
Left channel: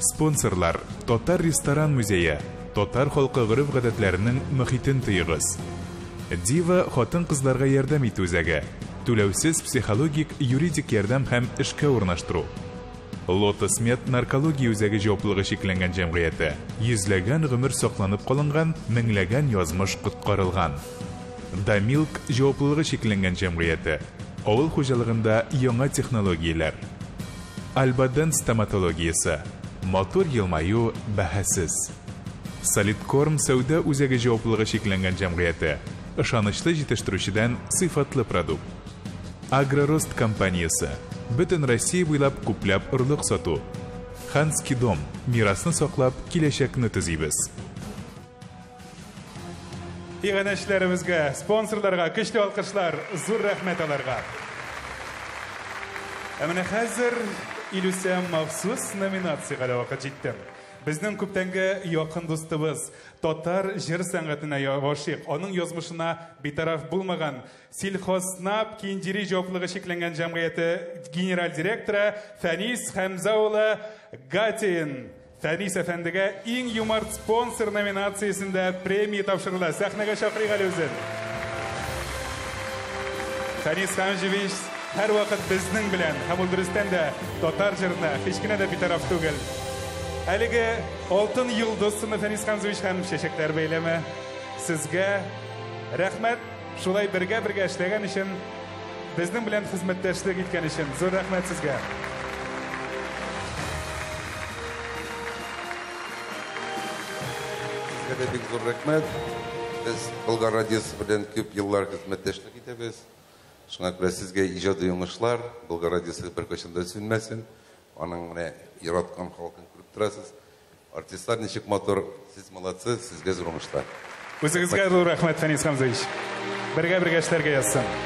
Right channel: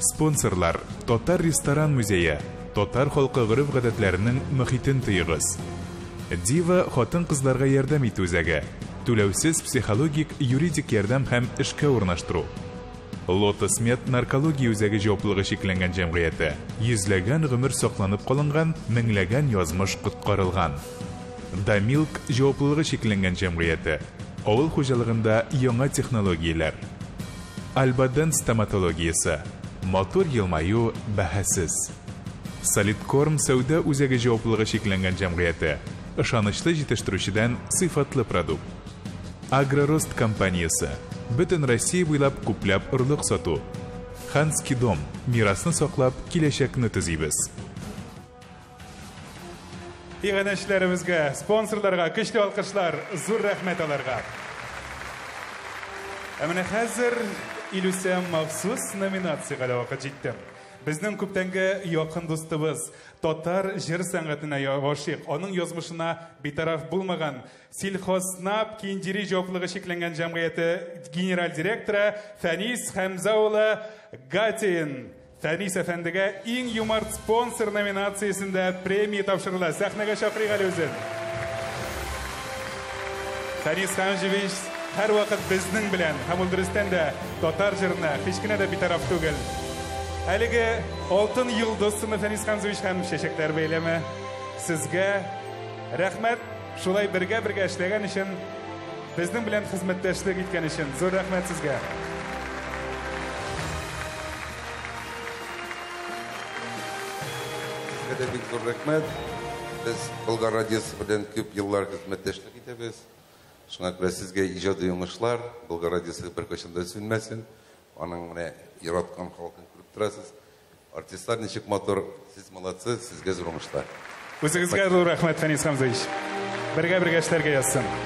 Спонсорлар Татар ресторан музее. Татар халкы гореф-гадәтләренең мөхитен тыйгыз. Дива хатын-кызларга ярдәм итү үзәге. Түләүсез психологик, юридик ярдәм һәм эшкә урнаштыру. Lotus Med наркология үзәге җаваплылыгы шикләнгән җәмгыяте. Йөзләгән гомер сакланып калынган, меңләгән язмыш коткарылган. Дамилк җаваплылыгы шикләнгән җәмгыяте. Авыл хуҗалыгында яңа технологияләр. Альбаден стоматологиясе. Мотор елмаю бәһәсез. Солидкорм сәүдә үзәге җаваплылыгы шикләнгән җәмгыяте. Ышанычлы җитештерүчедән сыйфатлы продукт. Агророст компаниясе. Бөтен Россия буйлап күпләп орлык сату. Ханский дом. Мирасны саклап, киләчәкне төзибез. Игенәчләребезгә, спонсорларга көчле алкышлар, зур рәхмәт аларга. Ә менә хәзер Илюсия махсус номинациягә вакыт җитте. Безнең күптәнге якын дустыбыз, татар җыр сәнгатенә гашыйк, аның язмышына битараф булмаган Сельхознап Киндири җаваплылыгы шикләнгән җәмгыяте генераль директоры Фәнис Хәмзә улы Гатин. Фәнис әфәндегә иң юмарт спонсор номинациясендә премия тапшырыла. Сәхнәгә чакырыйк әле үзен. Фәнис Хәмҗевич һәр вакыт безнең белән, һәм ул дөрестән дә татар җырына һич кенә дә битараф түгел. Әлеге алтын йолдыз сыны Фәнис Хамзович һәм чәчәкләр бәйләме сезгә рәхмәт. Шулай бергә эшләгән өчен, безнең белән хезмәттәшлек иткән өчен зур рәхмәт сезгә. Sizə big zor rəhmət. Biz Bulgar Radiosu белән күп еллар хезмәттәшлек итәбез. Шуңа күрә сезгә иҗади уңышлар, Bulgar Radiosu беркайчан да сүнмәсен. Аның менә яраткан халкын күреп торасыз. Артистлар ничек мотор, сез молодцы, сезгә зур уңышлар. Үзегезгә зур рәхмәт Фәнис Хамзович. Бергә эшләргә язсын.